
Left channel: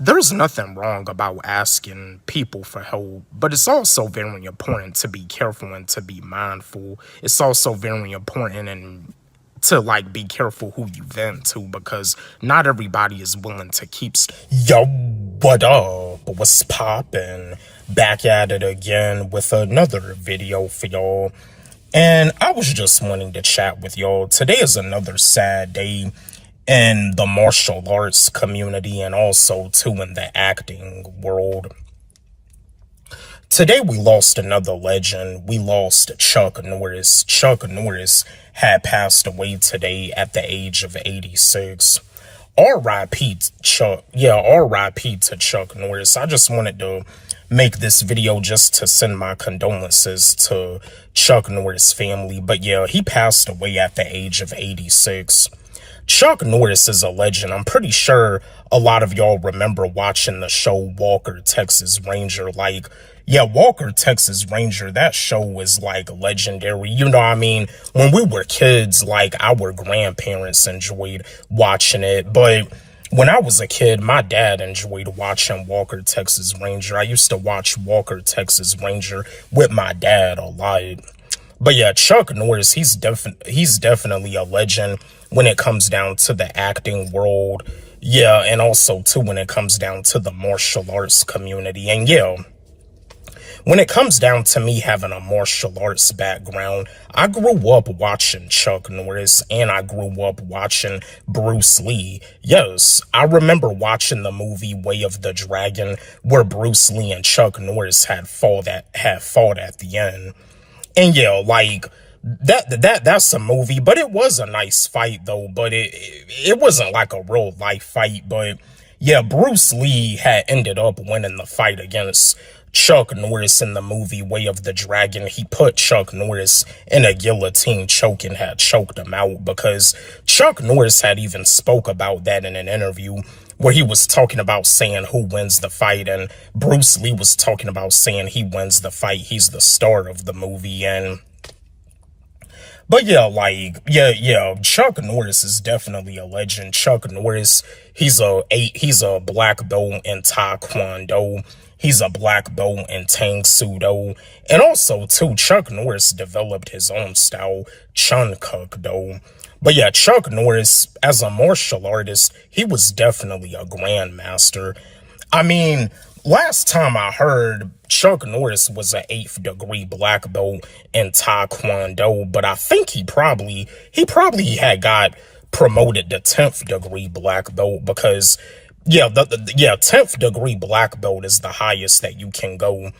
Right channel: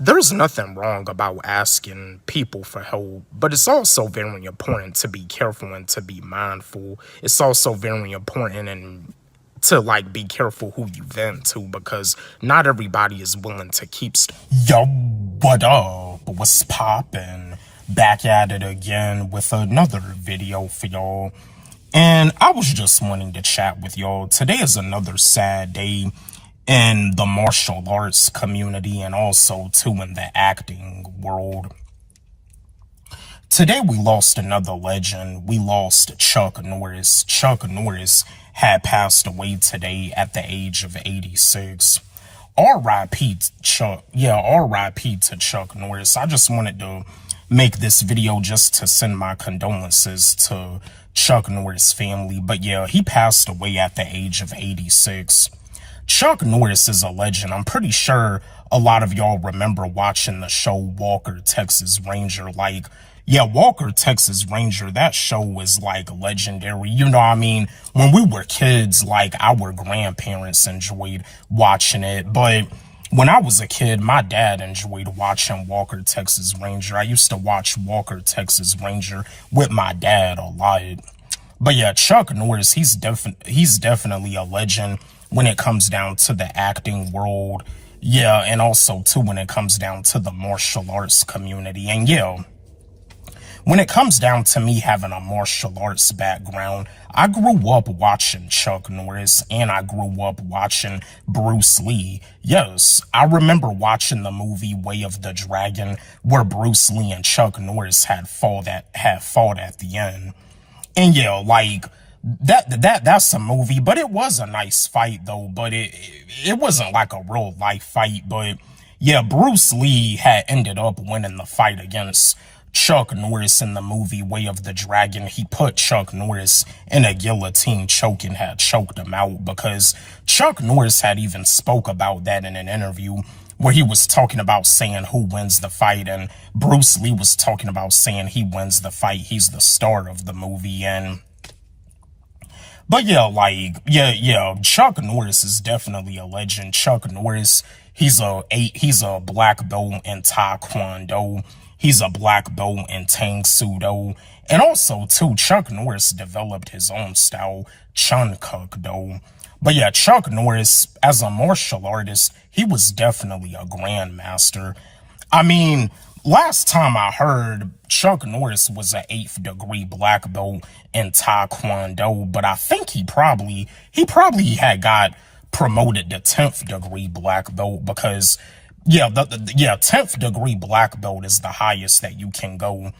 There's nothing wrong about asking people for help, but it's also very important to be careful and to be mindful. It's also very important and to like be careful who you vent to, because not everybody is willing to keep Yo, what up? What's poppin'? Back at it again with another video for y'all. And I was just wanting to chat with y'all. Today is another sad day in the martial arts community and also too in the acting world. Today we lost another legend. We lost Chuck Norris. Chuck Norris had passed away today at the age of 86. R.I.P. Chuck. Yeah, R.I.P. to Chuck Norris. I just wanted to make this video just to send my condolences to Chuck Norris' family. But yeah, he passed away at the age of 86. Chuck Norris is a legend. I'm pretty sure a lot of y'all remember watching the show Walker, Texas Ranger. Like, yeah, Walker, Texas Ranger, that show was like legendary. You know what I mean? When we were kids, like our grandparents enjoyed watching it. But when I was a kid, my dad enjoyed watching Walker, Texas Ranger. I used to watch Walker, Texas Ranger with my dad a lot. But yeah, Chuck Norris, he's definitely a legend when it comes down to the acting world. Yeah, and also too when it comes down to the martial arts community. And yeah, when it comes down to me having a martial arts background, I grew up watching Chuck Norris and I grew up watching Bruce Lee. Yes, I remember watching the movie Way of the Dragon where Bruce Lee and Chuck Norris had fought at the end. And yeah, like that's a movie, but it was a nice fight though, but it wasn't like a real life fight. But yeah, Bruce Lee had ended up winning the fight against Chuck Norris in the movie Way of the Dragon. He put Chuck Norris in a guillotine choke and had choked him out, because Chuck Norris had even spoke about that in an interview where he was talking about saying who wins the fight, and Bruce Lee was talking about saying he wins the fight. He's the star of the movie. And but yeah, like, yeah, Chuck Norris is definitely a legend. Chuck Norris, he's a black belt in Taekwondo. He's a black belt in Tang Sudo. And also, too, Chuck Norris developed his own style, Chun Kuk Do. But yeah, Chuck Norris, as a martial artist, he was definitely a grandmaster. I mean, last time I heard, Chuck Norris was an 8th degree black belt in Taekwondo, but I think he probably had got promoted to 10th degree black belt, because yeah, 10th degree black belt is the highest that you can go.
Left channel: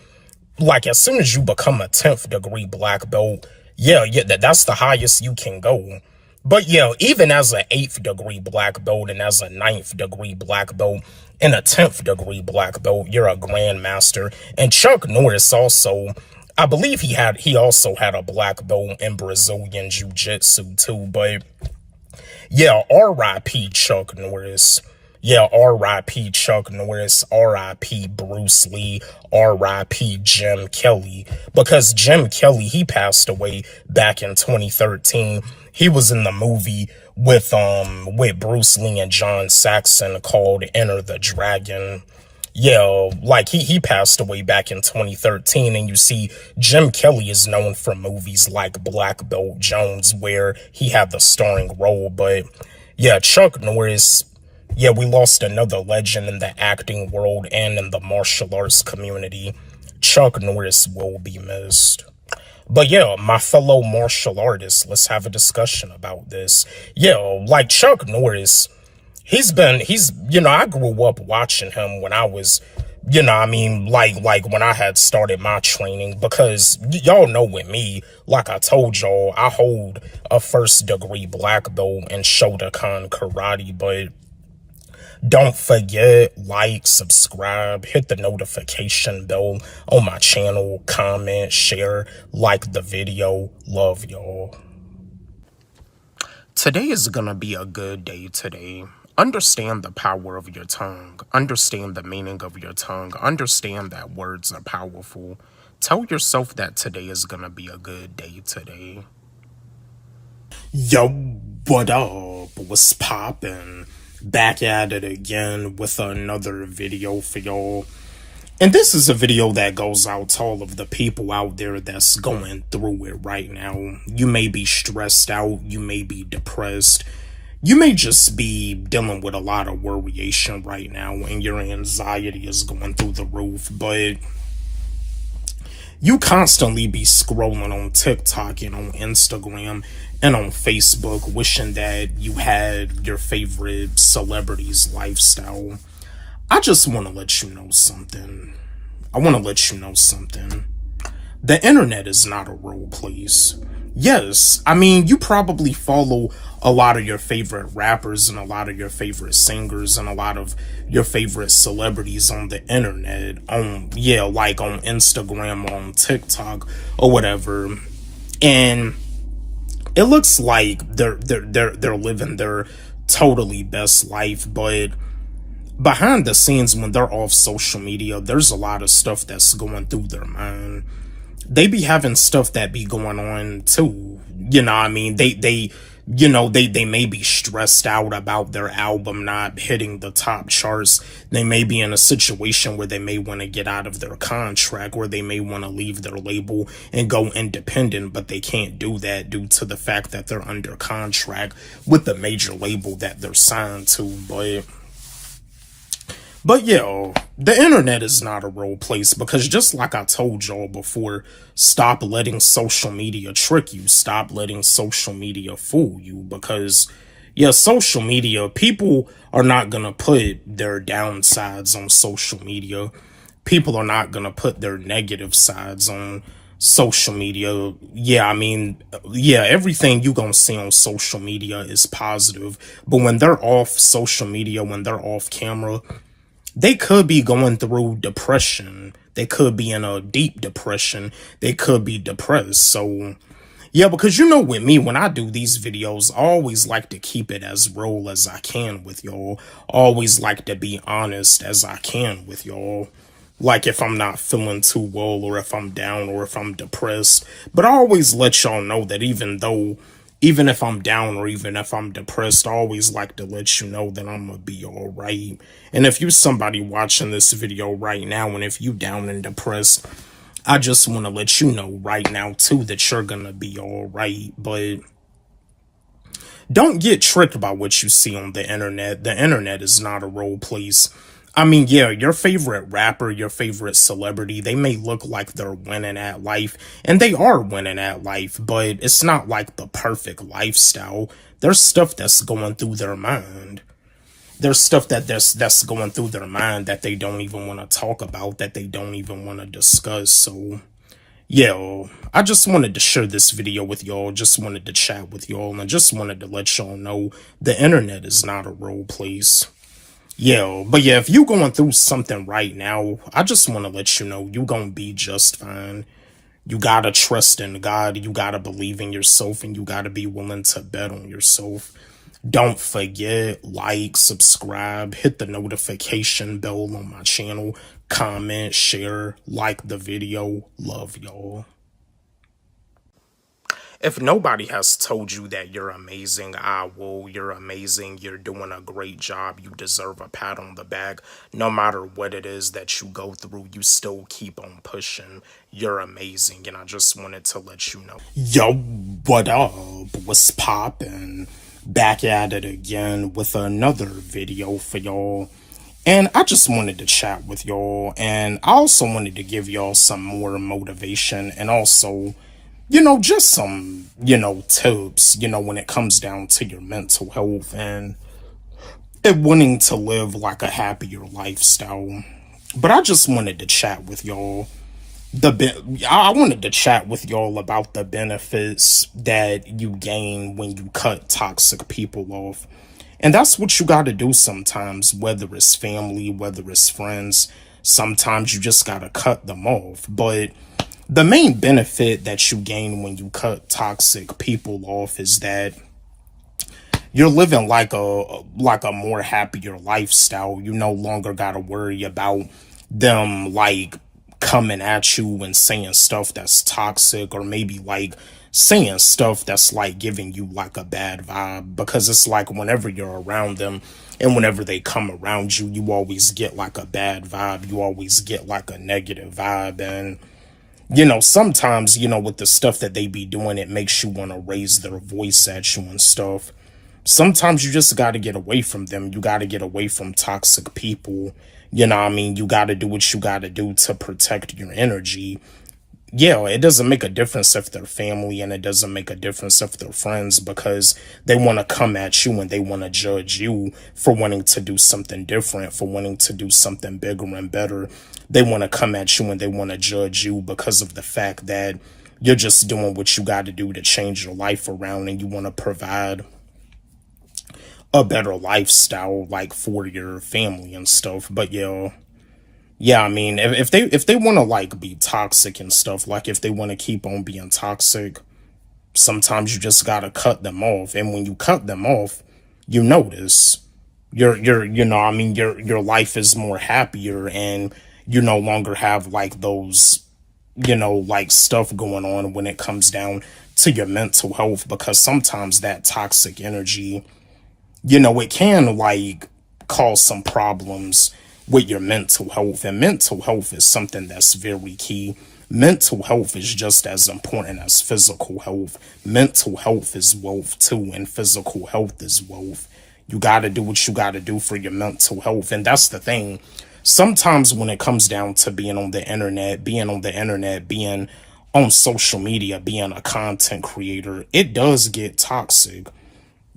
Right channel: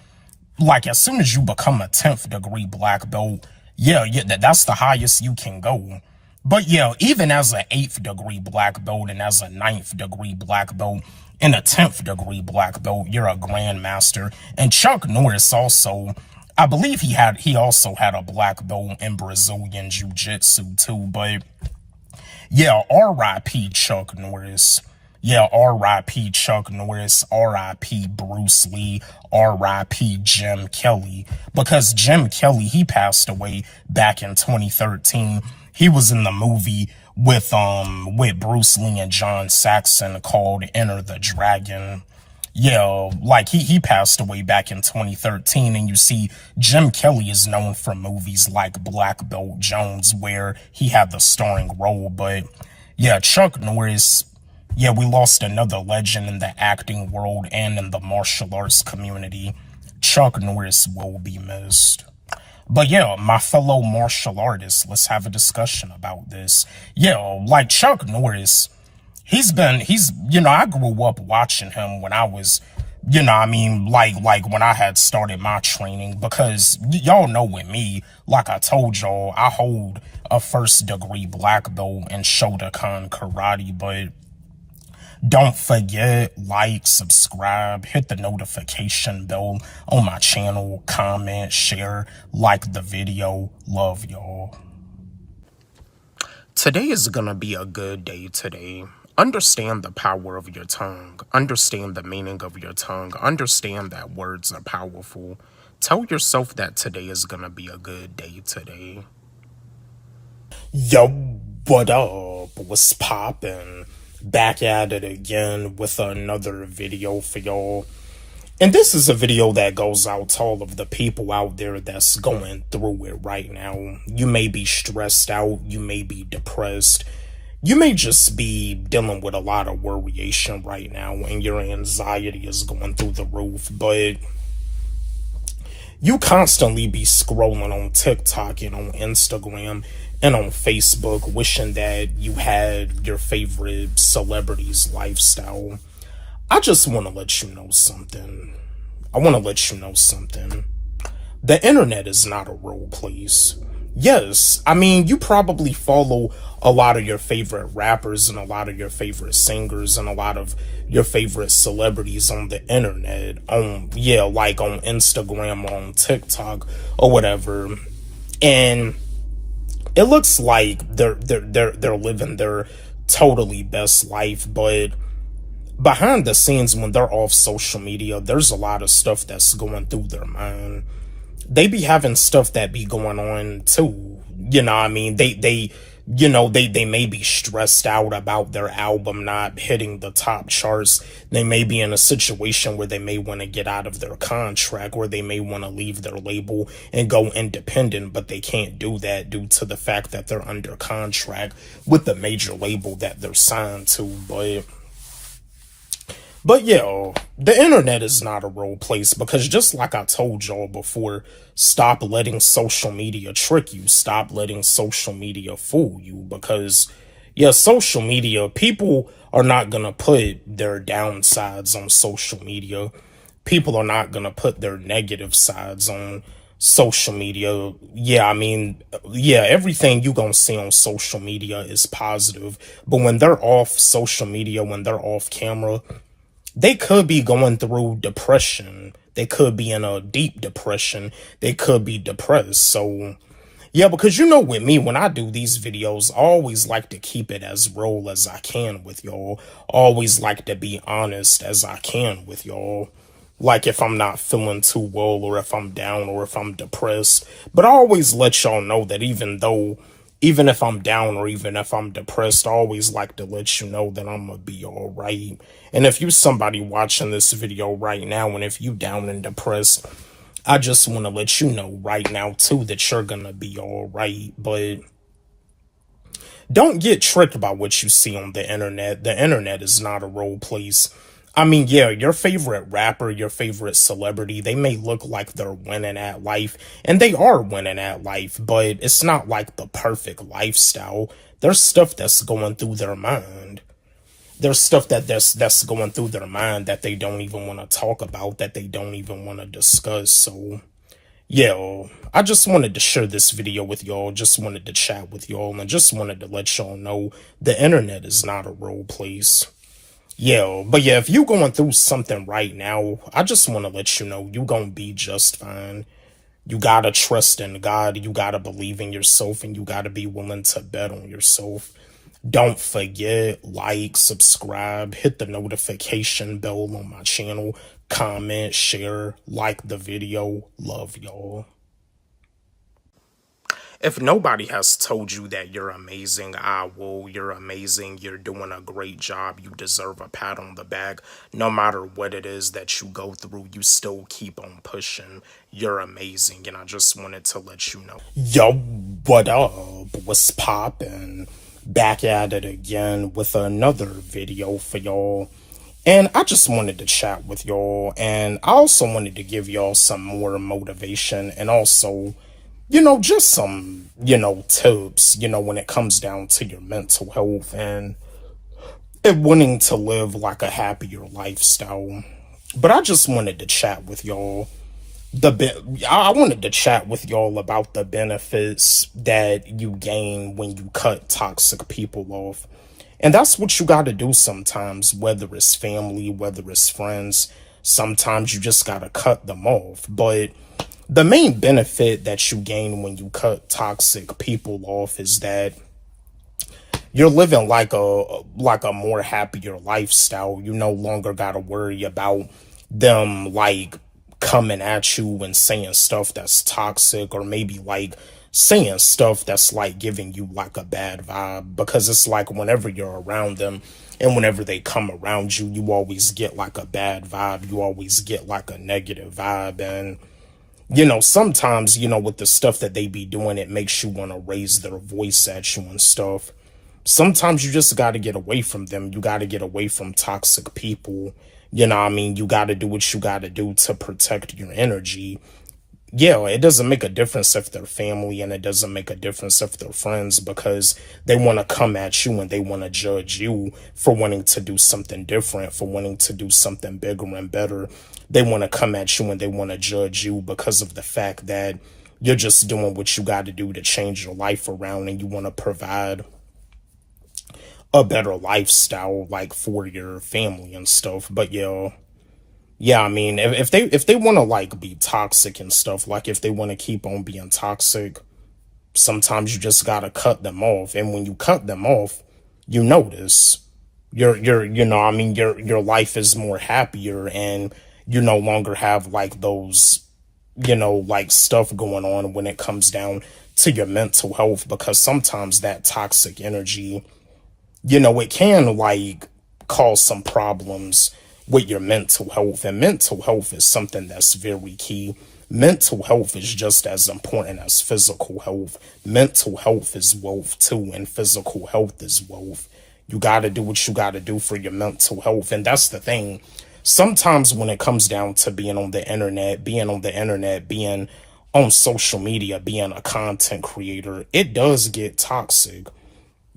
Like, as soon as you become a 10th degree black belt, that's the highest you can go. But yeah, even as an 8th degree black belt and as a 9th degree black belt and a 10th degree black belt, you're a grandmaster. And Chuck Norris also, I believe he also had a black belt in Brazilian Jiu-Jitsu too. But yeah, R.I.P. Chuck Norris. Yeah, R.I.P. Chuck Norris, R.I.P. Bruce Lee, R.I.P. Jim Kelly. Because Jim Kelly, he passed away back in 2013. He was in the movie with Bruce Lee and John Saxon called Enter the Dragon. Yeah, like he passed away back in 2013, and you see Jim Kelly is known for movies like Black Belt Jones, where he had the starring role. But yeah, Chuck Norris, yeah, we lost another legend in the acting world and in the martial arts community. Chuck Norris will be missed. But yeah, my fellow martial artists, let's have a discussion about this. Yeah, like Chuck Norris, I grew up watching him when I was you know, I mean, like when I had started my training, because y'all know with me, like I told y'all, I hold a 1st degree black belt in Shotokan karate, but don't forget, like, subscribe, hit the notification bell on my channel, comment, share, like the video. Love y'all. Today is gonna be a good day today. Understand the power of your tongue. Understand the meaning of your tongue. Understand that words are powerful. Tell yourself that today is gonna be a good day today. Yo, what up? What's poppin'? Back at it again with another video for y'all. And this is a video that goes out to all of the people out there that's going through it right now. You may be stressed out. You may be depressed. You may just be dealing with a lot of worryation right now and your anxiety is going through the roof. But you constantly be scrolling on TikTok and on Instagram and on Facebook wishing that you had your favorite celebrity's lifestyle. I just want to let you know something. The internet is not a real place. Yes, I mean, you probably follow a lot of your favorite rappers and a lot of your favorite singers and a lot of your favorite celebrities on the internet, like on Instagram or on TikTok or whatever. And it looks like they're living their totally best life, but behind the scenes, when they're off social media, there's a lot of stuff that's going through their mind. They be having stuff that be going on too. You know, I mean, they may be stressed out about their album not hitting the top charts. They may be in a situation where they may want to get out of their contract, or they may want to leave their label and go independent, but they can't do that due to the fact that they're under contract with the major label that they're signed to. But yeah, the internet is not a real place, because just like I told y'all before, stop letting social media trick you. Stop letting social media fool you, because yeah, social media, people are not going to put their downsides on social media. People are not going to put their negative sides on social media. Yeah, I mean, yeah, everything you going to see on social media is positive, but when they're off social media, when they're off camera, they could be going through depression. They could be in a deep depression. They could be depressed. So, yeah, because you know, with me, when I do these videos, I always like to keep it as real as I can with y'all. Always like to be honest as I can with y'all. Like if I'm not feeling too well, or if I'm down, or if I'm depressed. But I always let y'all know that even if I'm down or even if I'm depressed, I always like to let you know that I'm gonna be all right. And if you're somebody watching this video right now, and if you down and depressed, I just want to let you know right now too that you're gonna be all right. But don't get tricked by what you see on the internet. The internet is not a real place. I mean, yeah, your favorite rapper, your favorite celebrity, they may look like they're winning at life, and they are winning at life, but it's not like the perfect lifestyle. There's stuff that's going through their mind. There's stuff that's going through their mind that they don't even want to talk about, that they don't even want to discuss. So, yeah, I just wanted to share this video with y'all, just wanted to chat with y'all, and just wanted to let y'all know the internet is not a real place. Yeah, but yeah, if you going through something right now, I just want to let you know you gonna be just fine. You gotta trust in God, you gotta believe in yourself, and you gotta be willing to bet on yourself. Don't forget, like, subscribe, hit the notification bell on my channel, comment, share, like the video. Love y'all. If nobody has told you that you're amazing, I will. You're amazing. You're doing a great job. You deserve a pat on the back. No matter what it is that you go through, you still keep on pushing. You're amazing. And I just wanted to let you know. Yo, what up? What's poppin'? Back at it again with another video for y'all. And I just wanted to chat with y'all. And I also wanted to give y'all some more motivation, and also, you know, just some, tips, when it comes down to your mental health and wanting to live like a happier lifestyle. But I just wanted to chat with y'all. I wanted to chat with y'all about the benefits that you gain when you cut toxic people off. And that's what you got to do sometimes, whether it's family, whether it's friends. Sometimes you just got to cut them off. But the main benefit that you gain when you cut toxic people off is that you're living like a more happier lifestyle. You no longer got to worry about them like coming at you and saying stuff that's toxic, or maybe like saying stuff that's like giving you like a bad vibe, because it's like whenever you're around them and whenever they come around you, you always get like a bad vibe. You always get like a negative vibe. And, you know, sometimes, you know, with the stuff that they be doing, it makes you want to raise their voice at you and stuff. Sometimes you just got to get away from them. You got to get away from toxic people. You know what I mean? You got to do what you got to do to protect your energy. Yeah, it doesn't make a difference if they're family, and it doesn't make a difference if they're friends, because they want to come at you and they want to judge you for wanting to do something different, for wanting to do something bigger and better. They want to come at you and they want to judge you because of the fact that you're just doing what you got to do to change your life around, and you want to provide a better lifestyle like for your family and stuff. But yeah, I mean, if they want to like be toxic and stuff, like if they want to keep on being toxic, sometimes you just gotta cut them off. And when you cut them off, you notice your life is more happier, and you no longer have like those, you know, like stuff going on when it comes down to your mental health, because sometimes that toxic energy, you know, it can like cause some problems with your mental health. And mental health is something that's very key. Mental health is just as important as physical health. Mental health is wealth too, and physical health is wealth. You got to do what you got to do for your mental health. And that's the thing. Sometimes when it comes down to being on the internet, being on social media, being a content creator, it does get toxic.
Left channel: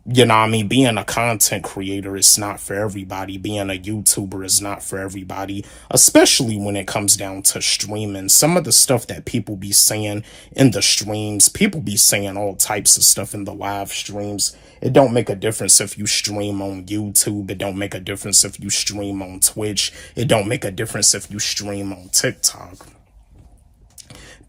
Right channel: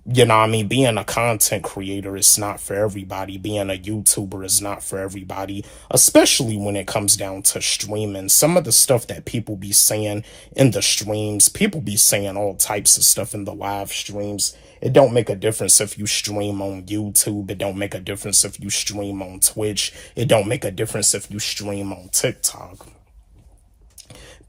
You know what I mean? Being a content creator is not for everybody. Being a YouTuber is not for everybody, especially when it comes down to streaming. Some of the stuff that people be saying in the streams, people be saying all types of stuff in the live streams. It don't make a difference if you stream on YouTube. It don't make a difference if you stream on Twitch. It don't make a difference if you stream on TikTok.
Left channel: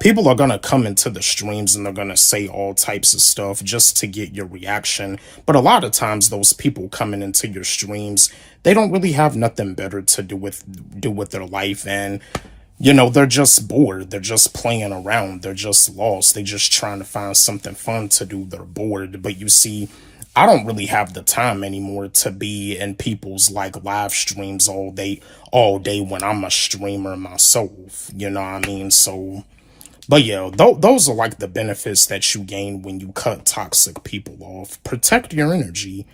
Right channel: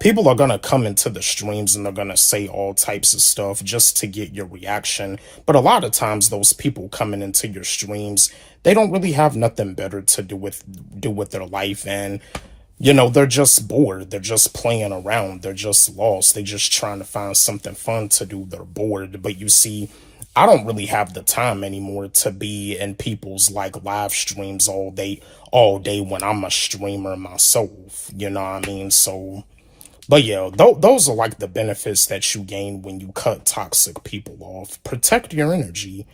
People are going to come into the streams and they're going to say all types of stuff just to get your reaction. But a lot of times those people coming into your streams, they don't really have nothing better to do with their life. And, you know, they're just bored. They're just playing around. They're just lost. They're just trying to find something fun to do. They're bored. But you see, I don't really have the time anymore to be in people's like live streams all day when I'm a streamer myself. You know what I mean? So, but yeah, those are like the benefits that you gain when you cut toxic people off. Protect your energy.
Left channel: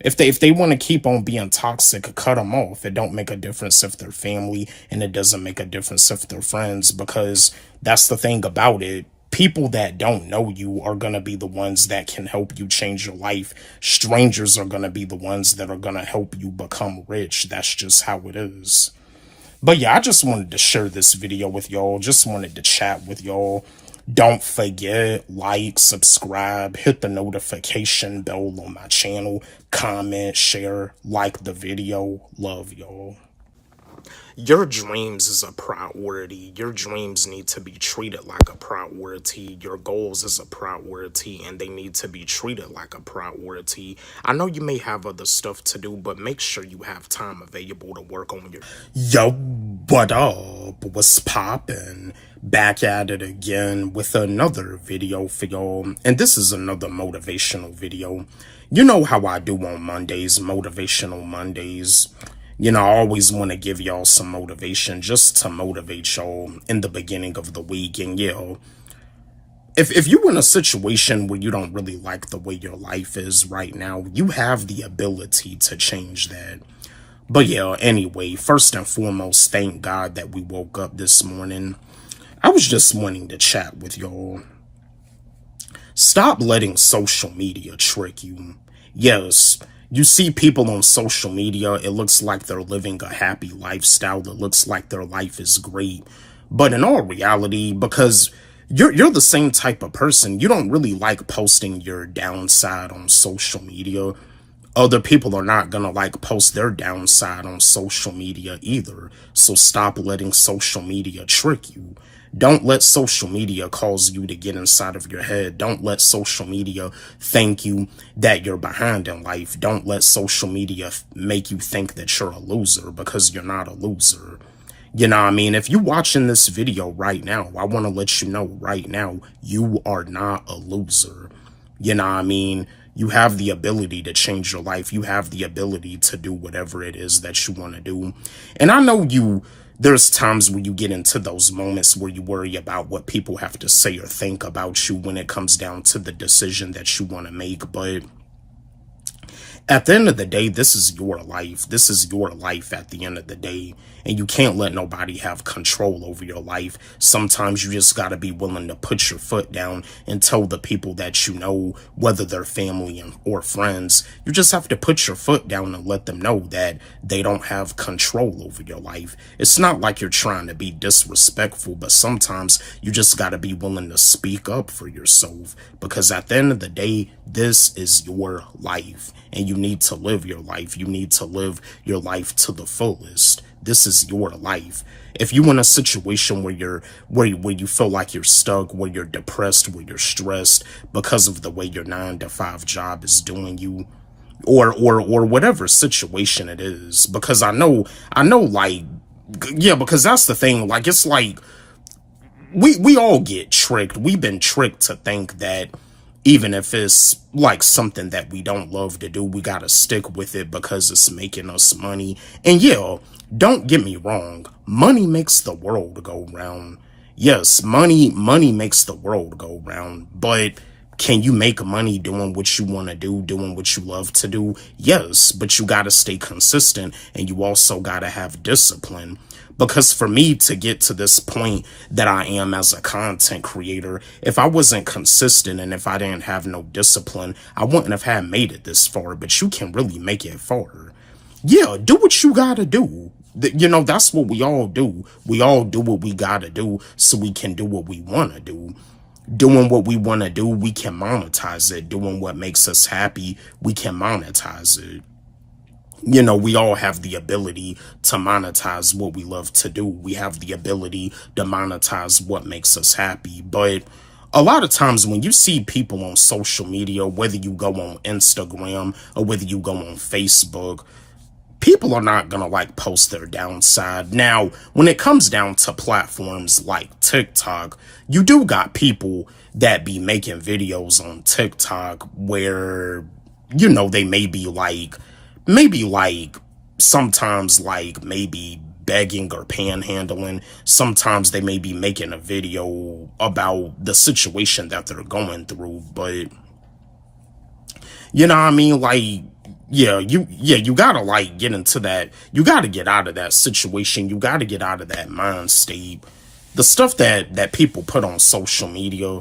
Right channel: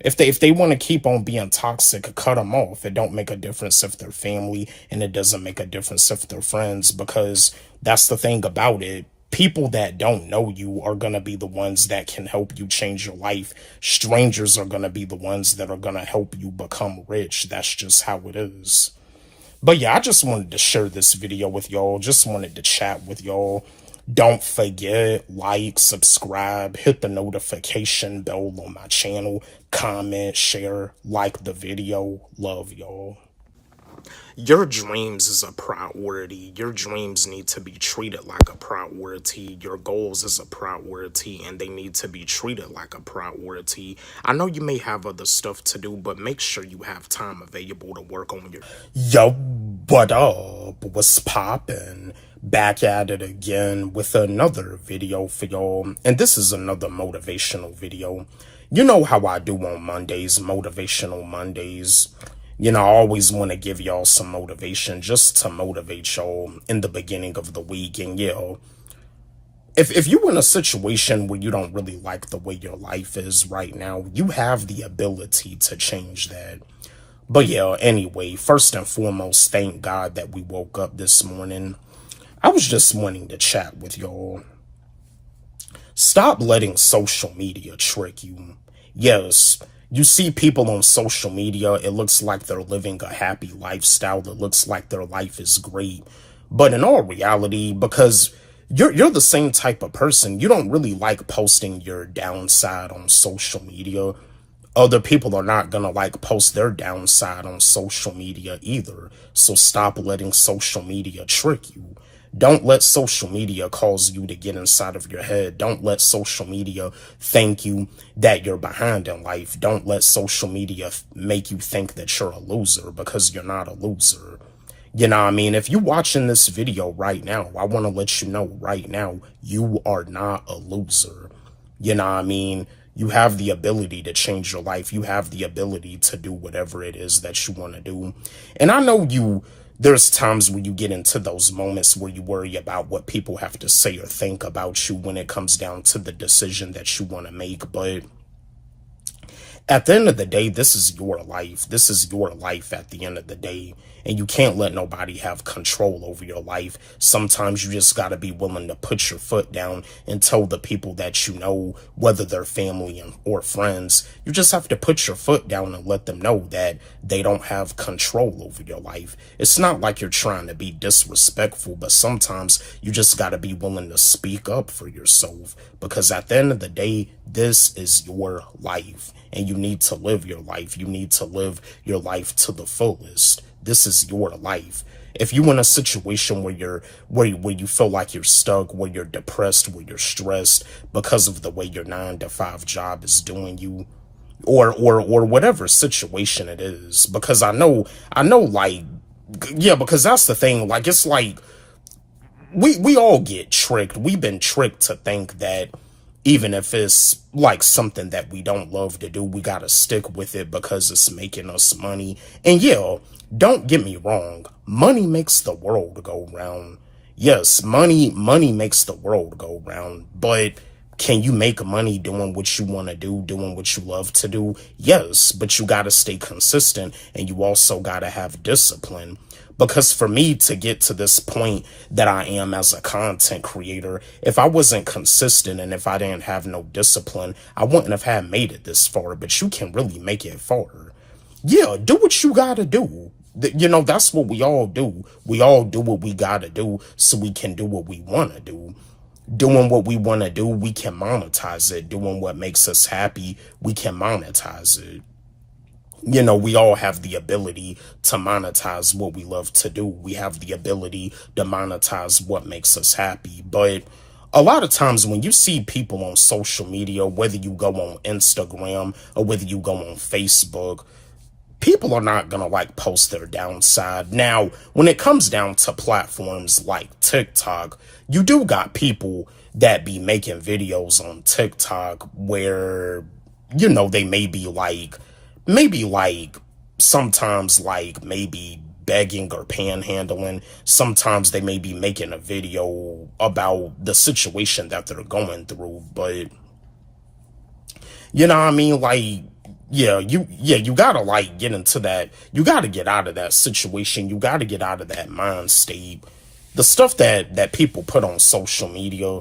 If they want to keep on being toxic, cut them off. It don't make a difference if they're family, and it doesn't make a difference if they're friends, because that's the thing about it. People that don't know you are going to be the ones that can help you change your life. Strangers are going to be the ones that are going to help you become rich. That's just how it is. But yeah, I just wanted to share this video with y'all. Just wanted to chat with y'all. Don't forget, like, subscribe, hit the notification bell on my channel, comment, share, like the video. Love y'all. Your dreams is a priority. Your dreams need to be treated like a priority. Your goals is a priority, and they need to be treated like a priority. I know you may have other stuff to do, but make sure you have time available to work on your... Yo, what up? What's poppin'? Back at it again with another video for y'all. And this is another motivational video. You know how I do on Mondays, Motivational Mondays. You know, I always want to give y'all some motivation just to motivate y'all in the beginning of the week. And, if you're in a situation where you don't really like the way your life is right now, you have the ability to change that. But, anyway, first and foremost, thank God that we woke up this morning. I was just wanting to chat with y'all. Stop letting social media trick you. Yes, You see people on social media, it looks like they're living a happy lifestyle. It looks like their life is great. But in all reality, because you're the same type of person, you don't really like posting your downside on social media. Other people are not gonna like post their downside on social media either. So stop letting social media trick you. Don't let social media cause you to get inside of your head. Don't let social media think you that you're behind in life. Don't let social media make you think that you're a loser, because you're not a loser. You know what I mean? If you're watching this video right now, I want to let you know right now, you are not a loser. You know what I mean? You have the ability to change your life. You have the ability to do whatever it is that you want to do. And I know there's times when you get into those moments where you worry about what people have to say or think about you when it comes down to the decision that you want to make. But at the end of the day, this is your life. This is your life at the end of the day. And you can't let nobody have control over your life. Sometimes you just got to be willing to put your foot down and tell the people that you know, whether they're family or friends, you just have to put your foot down and let them know that they don't have control over your life. It's not like you're trying to be disrespectful, but sometimes you just got to be willing to speak up for yourself, because at the end of the day, this is your life and you need to live your life. You need to live your life to the fullest. This is your life. If you're in a situation where you feel like you're stuck, where you're depressed, where you're stressed because of the way your 9-to-5 job is doing you, or whatever situation it is, because I know like, yeah, because that's the thing. Like, it's like we all get tricked. We've been tricked to think that even if it's like something that we don't love to do, we got to stick with it because it's making us money. And yeah, don't get me wrong. Money makes the world go round. Yes, money makes the world go round. But can you make money doing what you want to do, doing what you love to do? Yes, but you got to stay consistent, and you also got to have discipline. Because for me to get to this point that I am as a content creator, if I wasn't consistent and if I didn't have no discipline, I wouldn't have had made it this far. But you can really make it far. Yeah, do what you gotta do. You know, that's what we all do. We all do what we gotta do so we can do what we want to do. Doing what we want to do, we can monetize it. Doing what makes us happy, we can monetize it. You know, we all have the ability to monetize what we love to do. We have the ability to monetize what makes us happy. But a lot of times when you see people on social media, whether you go on Instagram or whether you go on Facebook, people are not going to like post their downside. Now, when it comes down to platforms like TikTok, you do got people that be making videos on TikTok where, you know, they may be like, sometimes like maybe begging or panhandling. Sometimes they may be making a video about the situation that they're going through. But, you know what I mean? Like, yeah, you gotta like get into that. You gotta get out of that situation. You gotta get out of that mind state. The stuff that people put on social media,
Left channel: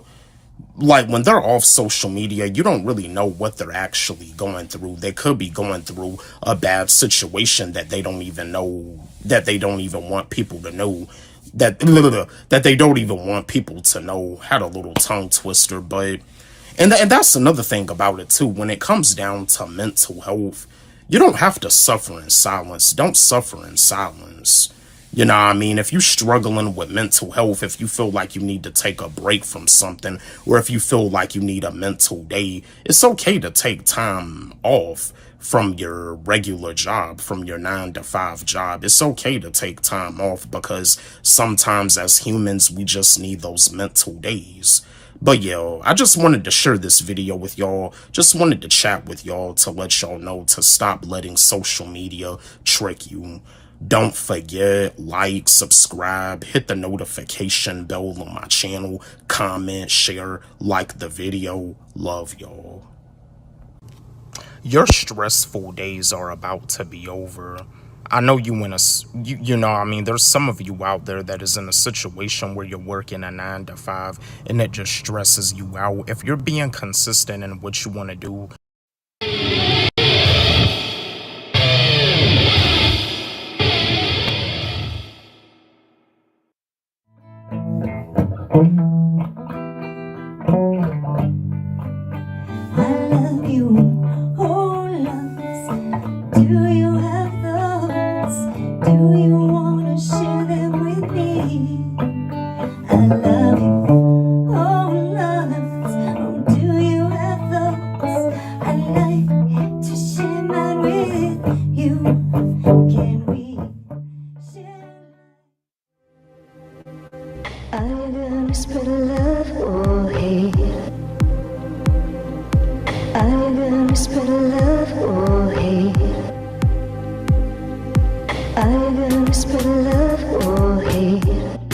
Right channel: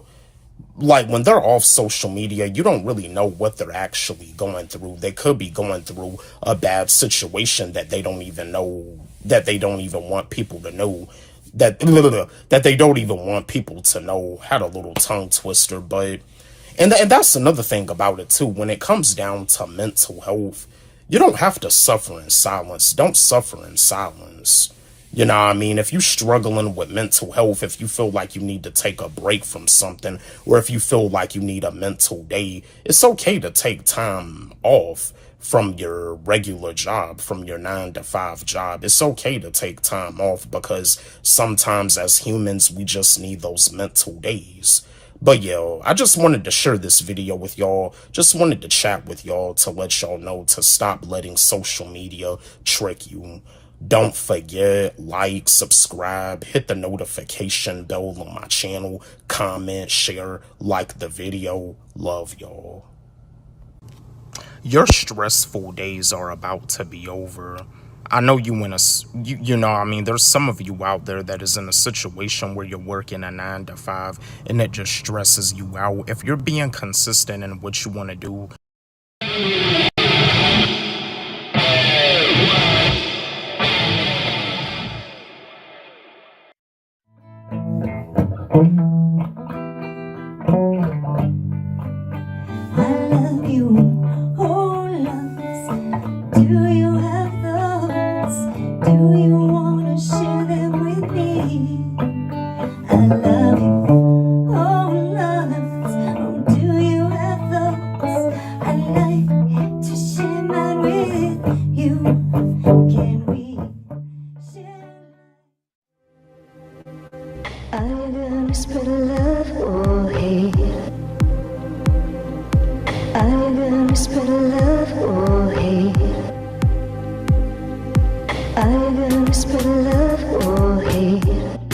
like when they're off social media, you don't really know what they're actually going through. They could be going through a bad situation that they don't even know, that they don't even want people to know, that they don't even want people to know. Had a little tongue twister, but and that's another thing about it too. When it comes down to mental health, you don't have to suffer in silence. Don't suffer in silence. You know what I mean? If you're struggling with mental health, if you feel like you need to take a break from something, or if you feel like you need a mental day, it's okay to take time off from your regular job, from your 9-to-5 job. It's okay to take time off, because sometimes as humans, we just need those mental days. But yo, I just wanted to share this video with y'all. Just wanted to chat with y'all to let y'all know to stop letting social media trick you. Don't forget, like, subscribe, hit the notification bell on my channel, comment, share, like the video. Love y'all. Your stressful days are about to be over. I know you know, I mean, there's some of you out there that is in a situation where you're working a 9-to-5 and it just stresses you out. If you're being consistent in what you want to do, love you, oh loves. Do you have those? Do you wanna share them with me? I love you, oh loves. Oh, do you have those? I'd like to share mine with you. Can we share? Are you gonna spread love or hate? Are you gonna spread love or hate? Are you gonna spread love or hate?